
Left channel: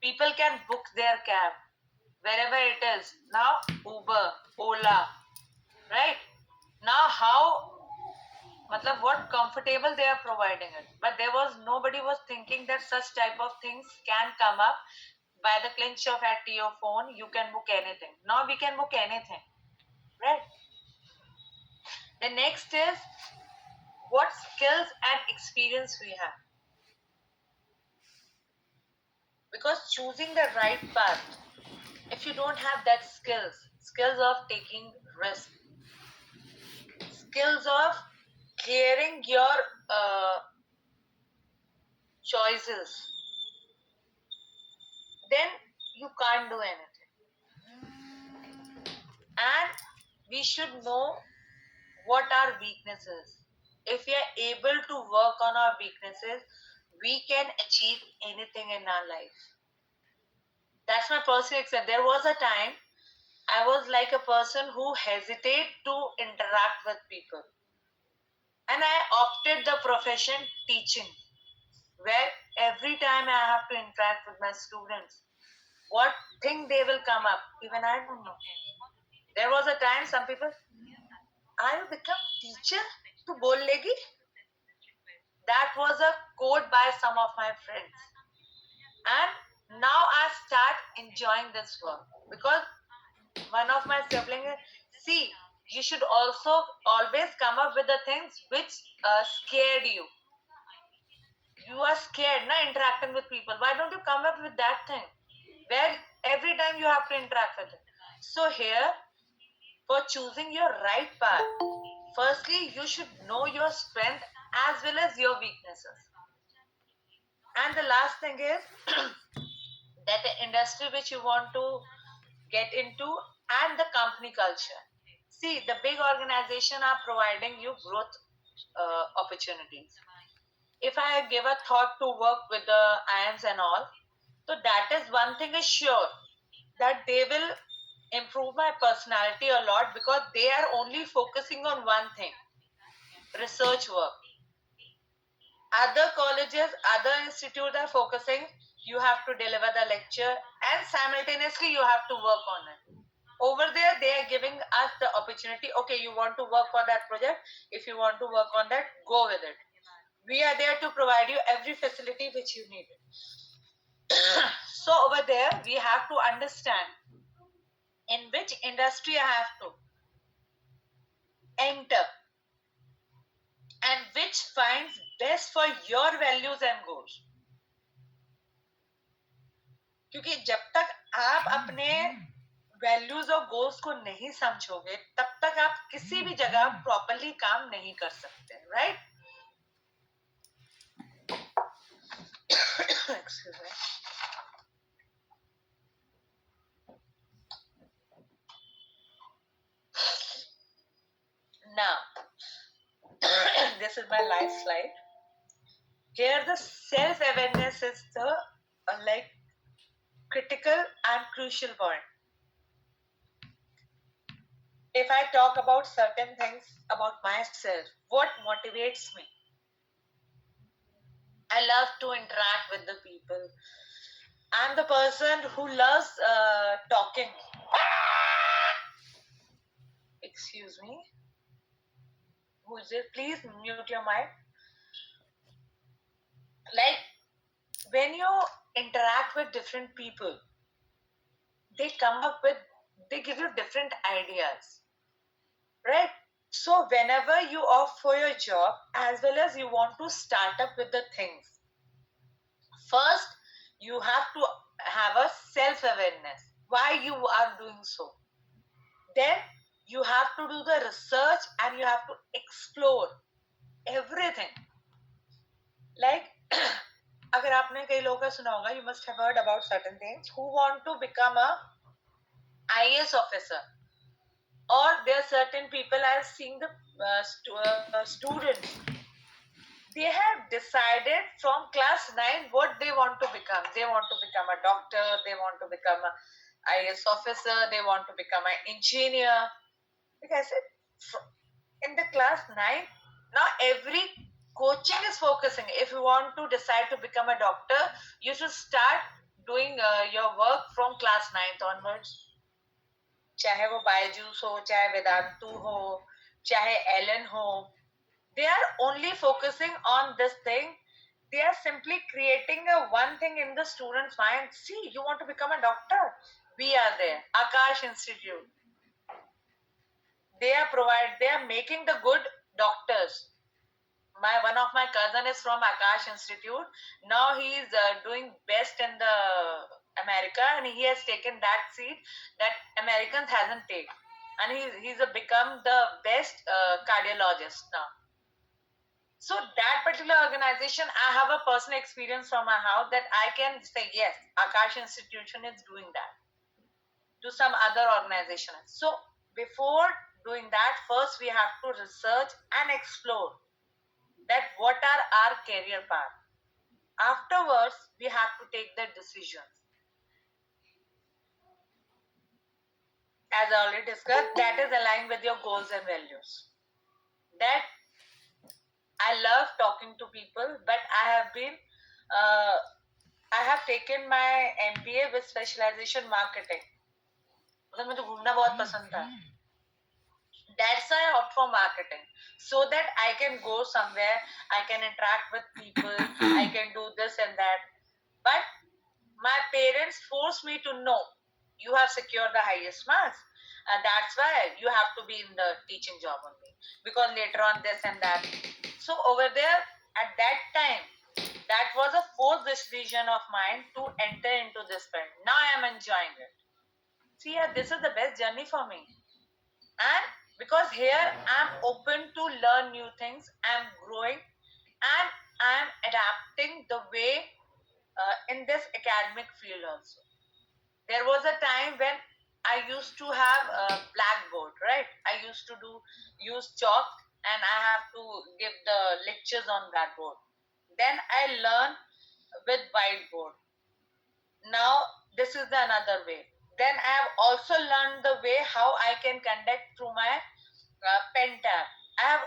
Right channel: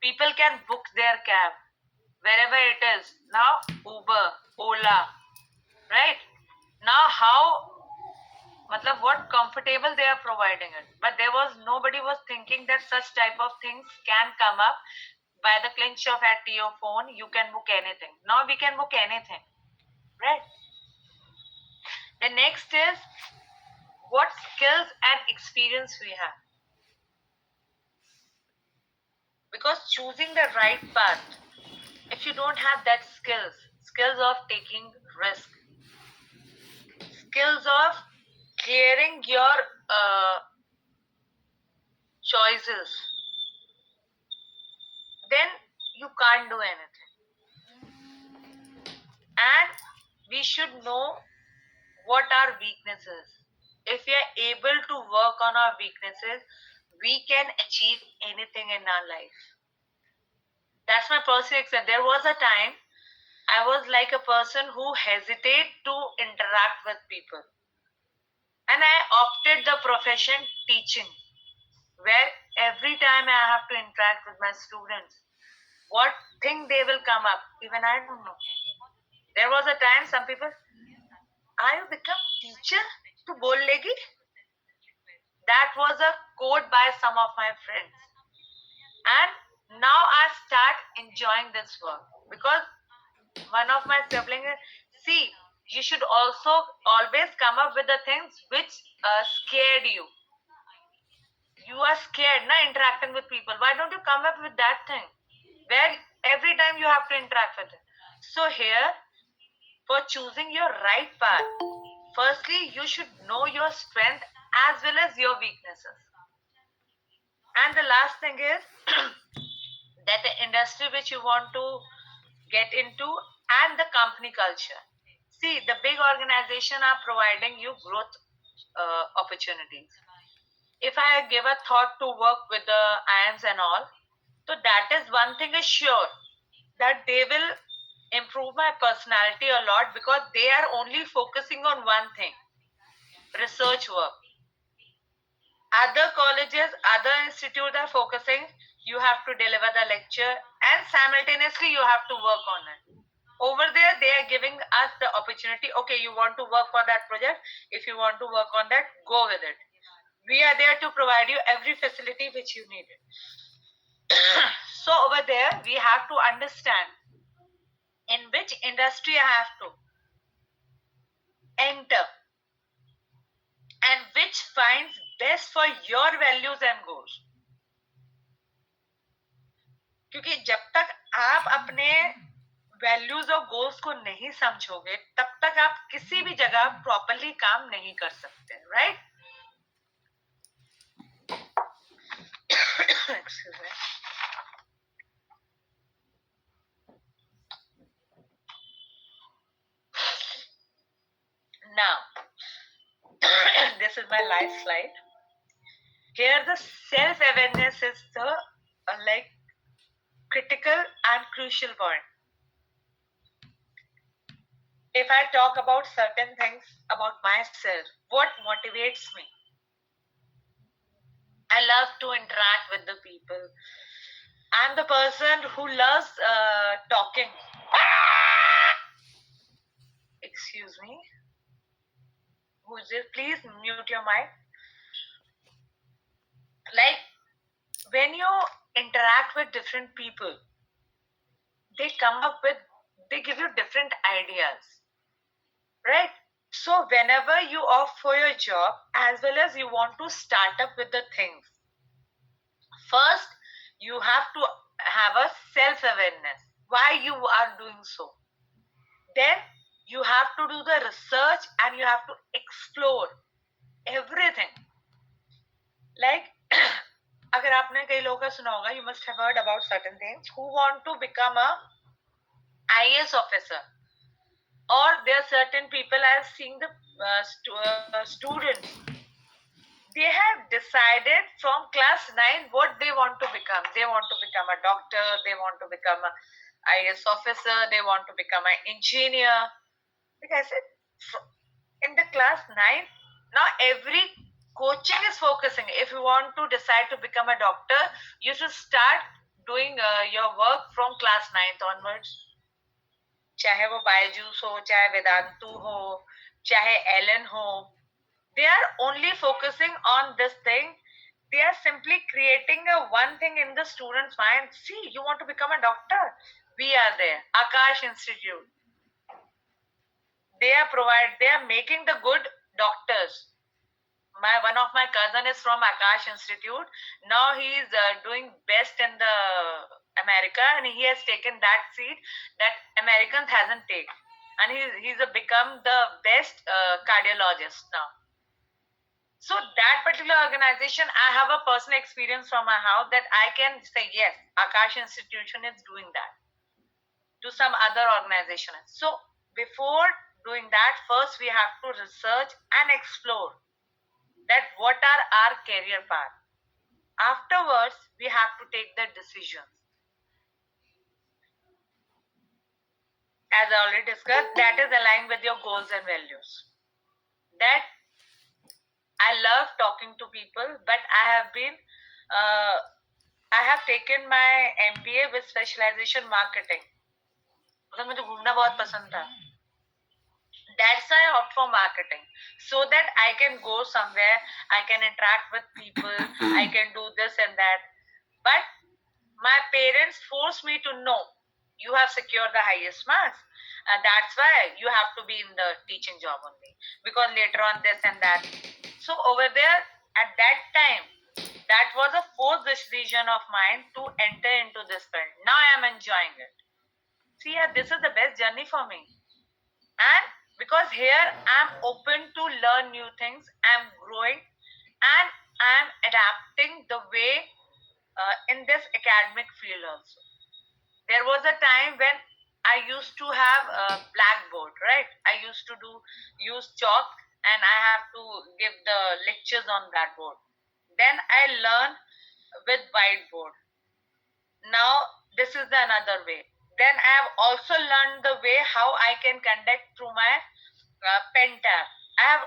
people can book their cab wherever it is. Now Uber, Ola, right? Now how matlab what comfortable they are providing it. But there was nobody was thinking that such type of things can come up by the clinch of at your phone. You can book anything. Now we can book anything, right? The next is what skills and experience we have. Because choosing the right path, if you don't have that skills of taking risk, skills of clearing your choices, then you can't do anything. And we should know what our weaknesses. If we are able to work on our weaknesses, we can achieve anything in our life. That's my personal experience. There was a time I was like a person who hesitated to interact with people. And I opted the profession teaching, where every time I have to interact with my students, what thing they will come up, even I don't know. There was a time some people, I will become teacher to bollegi. That was a quote by some of my friends. And now I start enjoying this work because one of my siblings, see, you should also always come up with the things which scared you. You are scared, na, interacting with people. Why don't you come up with that thing where every time you have to interact with it? So here, for choosing your right path, firstly, you should know your strength as well as your weaknesses. And the last thing is that the industry which you want to get into and the company culture. See, the big organization are providing you growth opportunities. If I give a thought to work with the IAMS and all, so that is one thing is sure that they will improve my personality a lot because they are only focusing on one thing, research work. Other colleges, other institutes are focusing, you have to deliver the lecture and simultaneously you have to work on it. Over there, they are giving us the opportunity, okay, you want to work for that project, if you want to work on that, go with it. We are there to provide you every facility which you need. So over there, we have to understand in which industry I have to enter and which finds best for your values and goals. क्योंकि जब तक आप अपने values और goals को नहीं समझोगे तब तक आप किसी भी जगह प्रॉपरली काम नहीं कर सकते, right? Excuse me. Now, this is my last slide. Here, the self-awareness is the like critical and crucial point. If I talk about certain things about myself, what motivates me? I love to interact with the people. I'm the person who loves talking. Excuse me. Who's it? Please mute your mic. Like when you interact with different people, they give you different ideas, right? So whenever you opt for your job, as well as you want to start up with the things, first you have to have a self-awareness why you are doing so. Then you have to do the research and you have to explore everything. Like अगर आपने कई लोगों का सुना होगा, you must have heard about certain things who want to become a IAS officer, or there are certain people I have seen the students, they have decided from class 9 what they want to become. They want to become a doctor, they want to become a IAS officer, they want to become an engineer. Like I said, in the class 9, now every coaching is focusing. If you want to decide to become a doctor, you should start doing your work from class 9th onwards. चाहे वो बायजूस हो, चाहे वेदांतु हो, चाहे Elon हो, they are only focusing on this thing. They are simply creating a one thing in the student's mind. See, you want to become a doctor? We are there. Akash Institute. They are making the good doctors. One of my cousin is from Akash Institute. Now he is doing best in the America, and he has taken that seat that Americans hasn't taken, and he's become the best cardiologist now. So that particular organization, I have a personal experience from my house that I can say yes, Akash Institution is doing that to some other organization. So before doing that, first we have to research and explore that what are our career path. Afterwards, we have to take the decisions. As I already discussed, that is aligned with your goals and values. That I love talking to people, but I have taken my MBA with specialization marketing. मतलब मुझे घूमना बहुत पसंद था. That's why I opt for marketing, so that I can go somewhere, I can interact with people, I can do this and that. But my parents forced me to know, you have secured the highest marks, and that's why you have to be in the teaching job only, because later on this and that. So over there, at that time, that was a forced decision of mine to enter into this field. Now I am enjoying it. See, yeah, this is the best journey for me. And because here I'm open to learn new things, I'm growing, and I'm adapting the way in this academic field also. There was a time when I used to have a blackboard, right? I used to use chalk, and I have to give the lectures on that board. Then I learned with whiteboard. Now this is the another way. Then I have also learned the way how I can conduct through my pen tab. I have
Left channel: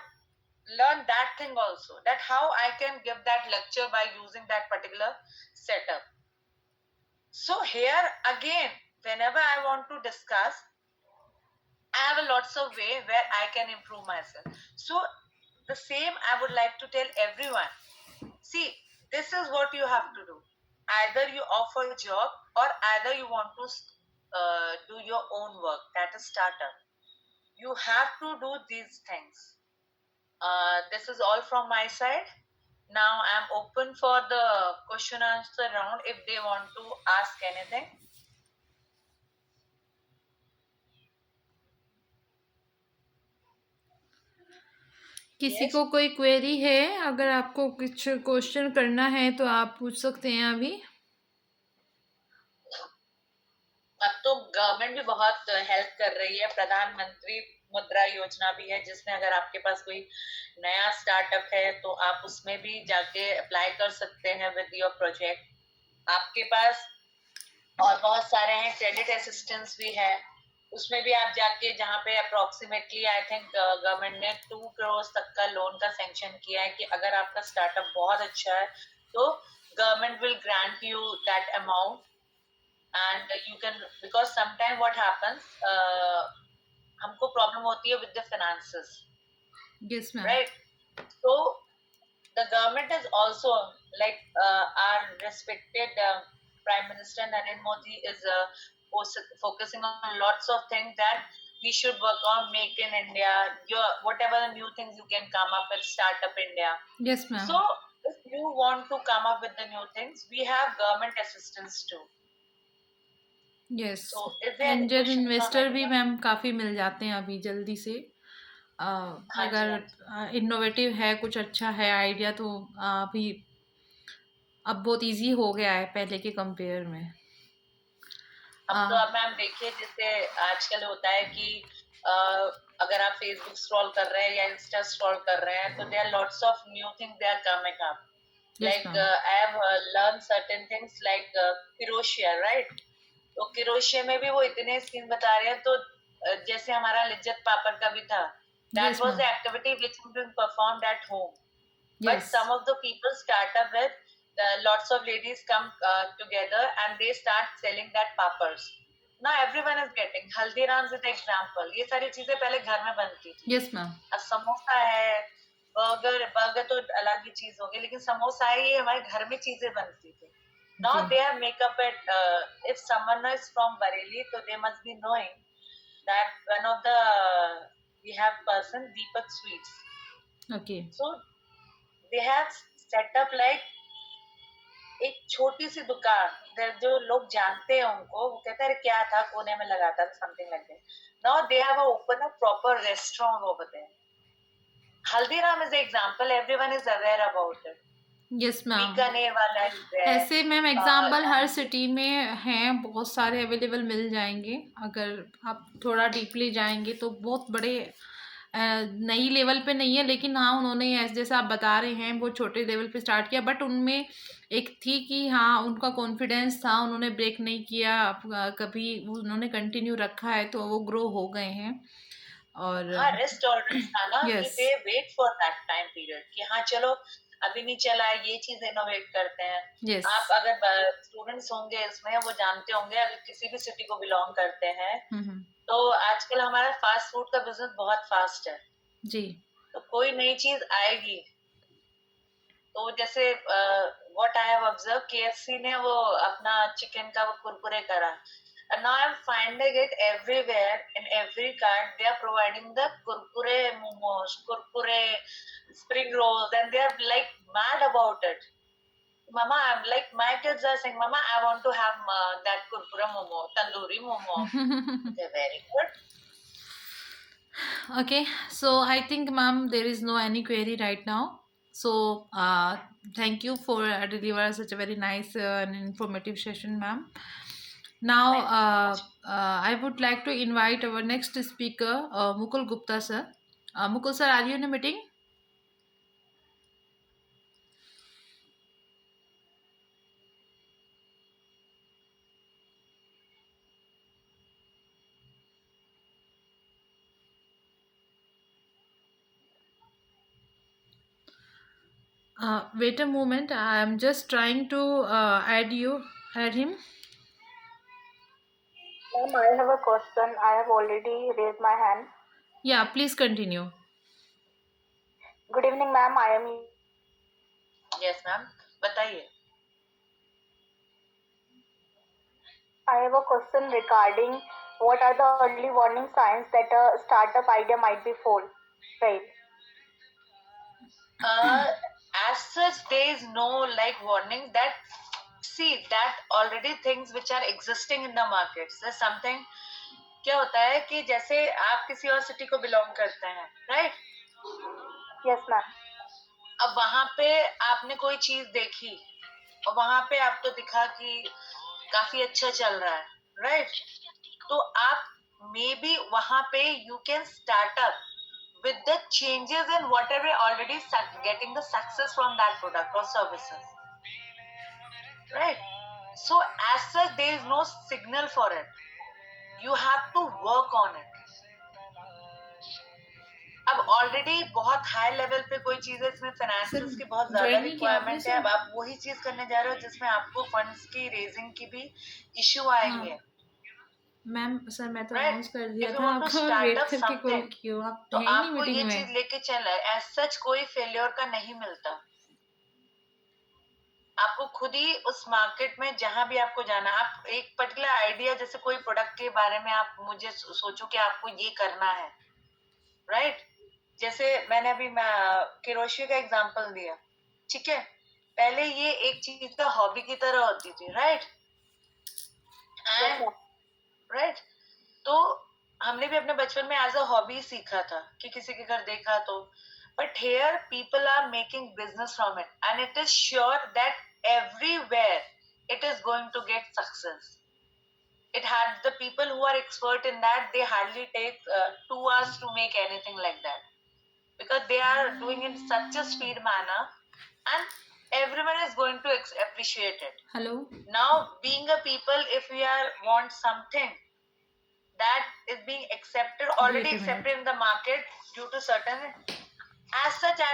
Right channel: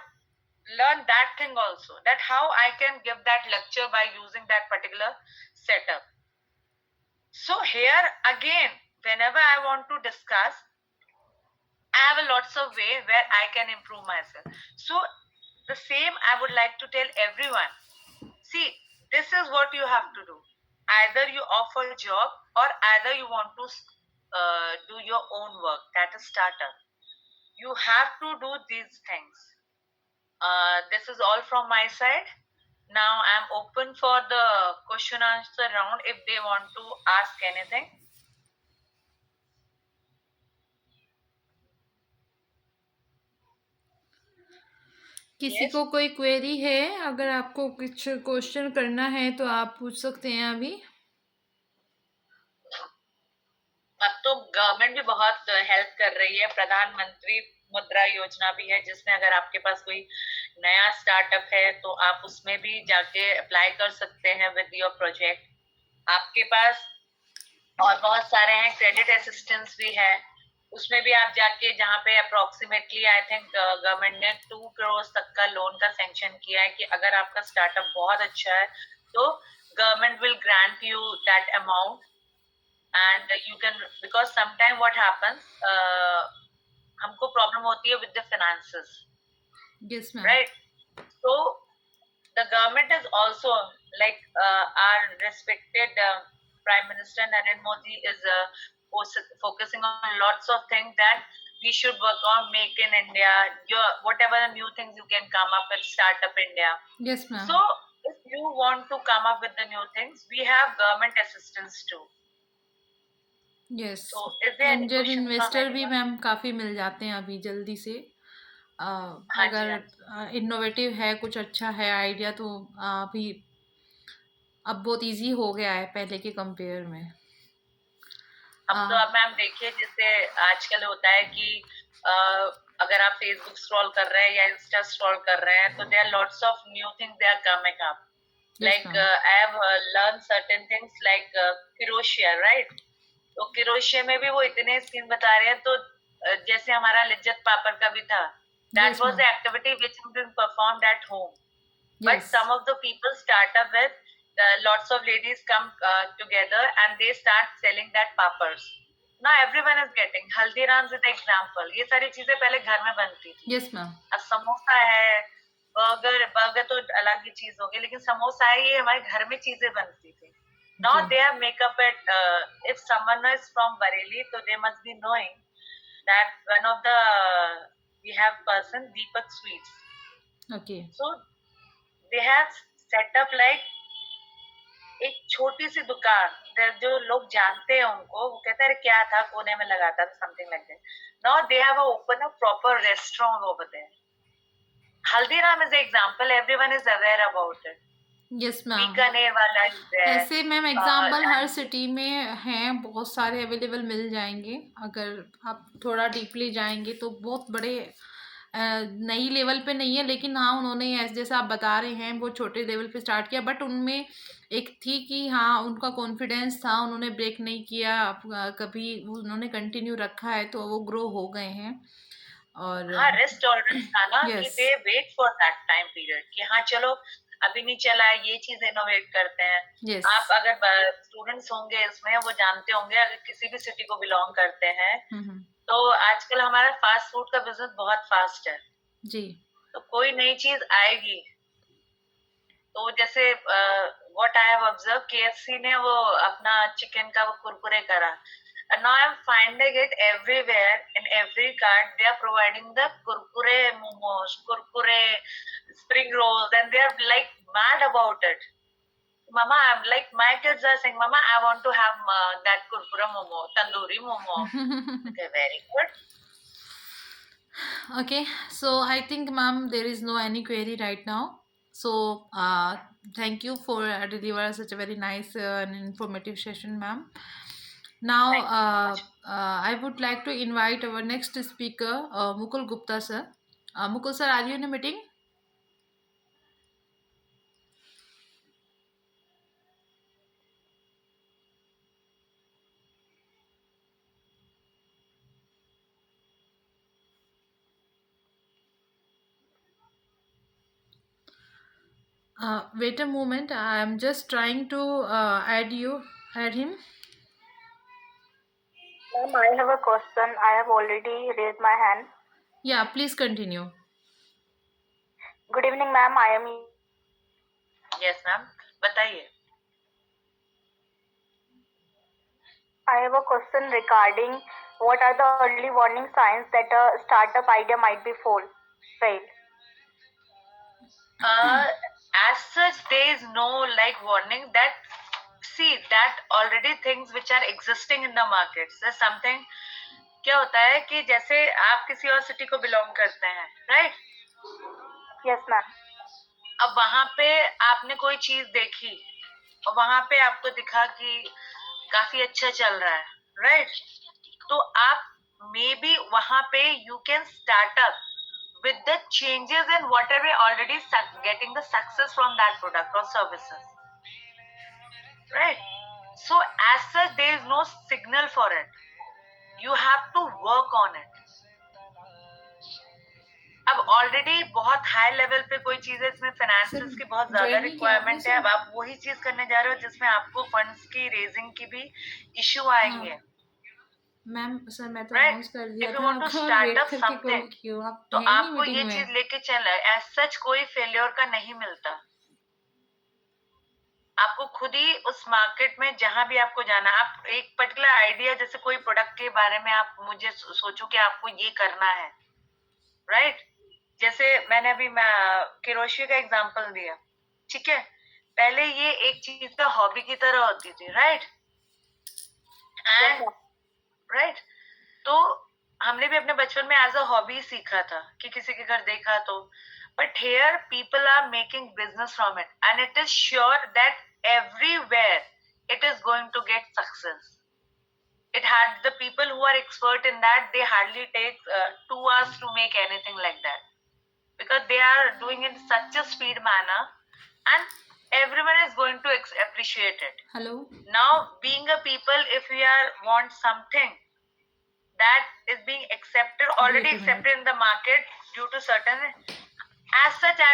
learned that thing also, that how I can give that lecture by using that particular setup. So here again, whenever I want to discuss, I have a lots of way where I can improve myself. So the same I would like to tell everyone. See, this is what you have to do. Either you offer a job, or either you want to do your own work, that is startup. You have to do these things. This is all from my side. Now I'm open for the question answer round if they want to ask anything. किसी Yes. को कोई query है? अगर आपको कुछ question करना है तो आप पूछ सकते हैं अभी. अब तो गवर्नमेंट भी बहुत हेल्प कर रही है, प्रधानमंत्री मुद्रा योजना भी है, जिसमें अगर आपके पास कोई नया स्टार्टअप है तो आप उसमें भी जाके अप्लाई कर सकते हैं विद योर प्रोजेक्ट। आपके पास और बहुत सारे हैं, क्रेडिट असिस्टेंस भी है, उसमें भी आप जाके, जहाँ पे अप्रोक्सीमेटली आई थिंक गवर्नमेंट ने 2 करोड़ तक का लोन का सैंक्शन किया है कि अगर आपका स्टार्टअप बहुत अच्छा है तो government will grant you that amount and you can, because sometime what happens, हमको प्रॉब्लम होती है with the finances, yes ma'am. Right? So the government is also like our respected Prime Minister Narendra Modi is focusing on lots of things that we should work on. Make in India, whatever the new things you can come up with, Startup India. Yes ma'am. So if you want to come up with the new things, we have government assistance too. Yes, So is there any angel question from investor भी anyone? Ma'am काफ़ी मिल जाते हैं अभी जल्दी से। हाँ जी, अगर हाँ जी। इनोवेटिव है, कुछ अच्छा है आइडिया, तो अभी अब बहुत इजी हो गया है पहले के कंपेयर में। अब तो अब मैम देखिए, जैसे आजकल होता है कि अगर आप फेसबुक स्क्रॉल कर रहे हैं या इंस्टा स्क्रॉल कर रहे हैं तो there are lots of new things they are coming up, like I have learn certain things like crochet, right? तो किरोशिया में भी वो इतने स्कीम बता रहे हैं, तो जैसे हमारा लिज्जत पापड़ का भी था, that was the activity which has been performed at home, but some of the people start up with lots of ladies come together and they start selling that pappers. Now everyone is getting Haldiram's is the example. ये सारी चीजें पहले घर में बनती थी। Yes ma'am. अब समोसा है, बर्गर तो अलग ही चीज हो गई, लेकिन समोसा है, ये हमारे घर में चीजें बनती थी। Now they have make up it. If someone is from Bareilly, so they must be knowing that one of the we have person Deepak Sweets. Okay. So they have set up like एक छोटी सी दुकान, जो लोग जानते हैं उनको, वो कहते हैं क्या था कोने में लगा था, something like that. Now they have open a proper restaurant over there. Haldiram is example, everyone is aware about it. Yes ma'am. Bikaner वाला इज देयर। ऐसे मैम एग्जाम्पल हर सिटी में हैं, बहुत सारे अवेलेबल मिल जाएंगे। अगर आप थोड़ा डीपली जाएंगे तो बहुत बड़े नई लेवल पे नहीं है, लेकिन हाँ उन्होंने जैसे आप बता रहे हैं वो छोटे लेवल पे स्टार्ट किया, बट उनमें एक थी कि हाँ उनका कॉन्फिडेंस था, उन्होंने ब्रेक नहीं किया कभी, उन्होंने कंटिन्यू रखा है, तो वो ग्रो हो गए हैं। और हाँ, रिस्क टॉलरेंस था ना, कि yes. They wait for that time period कि हाँ चलो अभी नहीं चला है, ये चीज इनोवेट करते हैं। yes. आप अगर स्टूडेंट्स होंगे इसमें, वो जानते होंगे, अगर किसी भी सिटी को बिलोंग करते हैं, तो आजकल हमारा फास्ट फूड का बिजनेस बहुत फास्ट है जी। तो कोई नई चीज आएगी, तो जैसे what I have observe, KFC ने वो अपना चिकन का वो कुरकुरे करा, and now I'm finding it everywhere, in every cart they are providing the kurkure momos, kurkure spring rolls, and they are like mad about it. Mama, I'm like, my kids are saying, Mama, I want to have that kurkure momo, tandoori momo. Okay, very good. Okay, so I think ma'am there is no any query right now, so thank you for delivering such a very nice and informative session, ma'am. Now I would like to invite our next speaker, Mukul Gupta sir. Mukul sir, are you in a meeting? Wait a moment, I am just trying to add him. Ma'am, I have a question. I have already raised my hand. Yeah, please continue. Good evening, ma'am. I am. Yes, ma'am. बताइए. I have a question regarding what are the early warning signs that a startup idea might be failed. As such, there is no like warning that, see, that already things which are existing in the market. So something, क्या होता है कि जैसे आप किसी और city को belong करते हैं, right? Yes, ma'am. अब वहां पे आपने कोई चीज देखी और वहां पे आपको दिखा कि काफी अच्छा चल रहा है, right? तो आप मे बी वहां पे you can start up with the changes in whatever already getting the success from that product or services, right? So as such there is no signal for it, you have to work on it. अब already बहुत high level पे कोई चीज है, इसमें financials की बहुत ज्यादा join नहीं किया आपने रिक्वायरमेंट है, अब आप वही चीज करने जा रहे हो जिसमें आपको फंड्स की रेजिंग की भी इश्यू आएंगे। मैम सर मैं तो Right. अनाउंस कर दिया If you था want to आपका, start वेट up करके कॉल something, क्यों, आप तो है ही नहीं आपको ये मीटिंग चीज में। लेके चलना है। एज सच कोई फेलियर का नहीं मिलता, आपको खुद ही उस मार्केट में जहां भी आपको जाना, आप एक पर्टिकुलर आइडिया, जैसे कोई प्रोडक्ट के बारे में आप मुझे सोचो कि आपको ये करना है, राइट? जैसे मैंने अभी किरोशिया का एग्जांपल दिया, ठीक है? पहले ये एक चीज का हॉबी की तरह होती थी, राइट? एंड राइट, तो हमने भी अपने बचपन में एज अ हॉबी सीखा था कि किसी के घर देखा तो, but here people are making business from it and it is sure that everywhere it is going to get success. It had the people who are expert in that, they hardly take 2 hours to make anything like that, because they are doing in such a speed manner and everyone is going to appreciate it. Hello Now being a people, if we are want something that is being accepted, already Wait a minute. accepted in the market due to certain, as such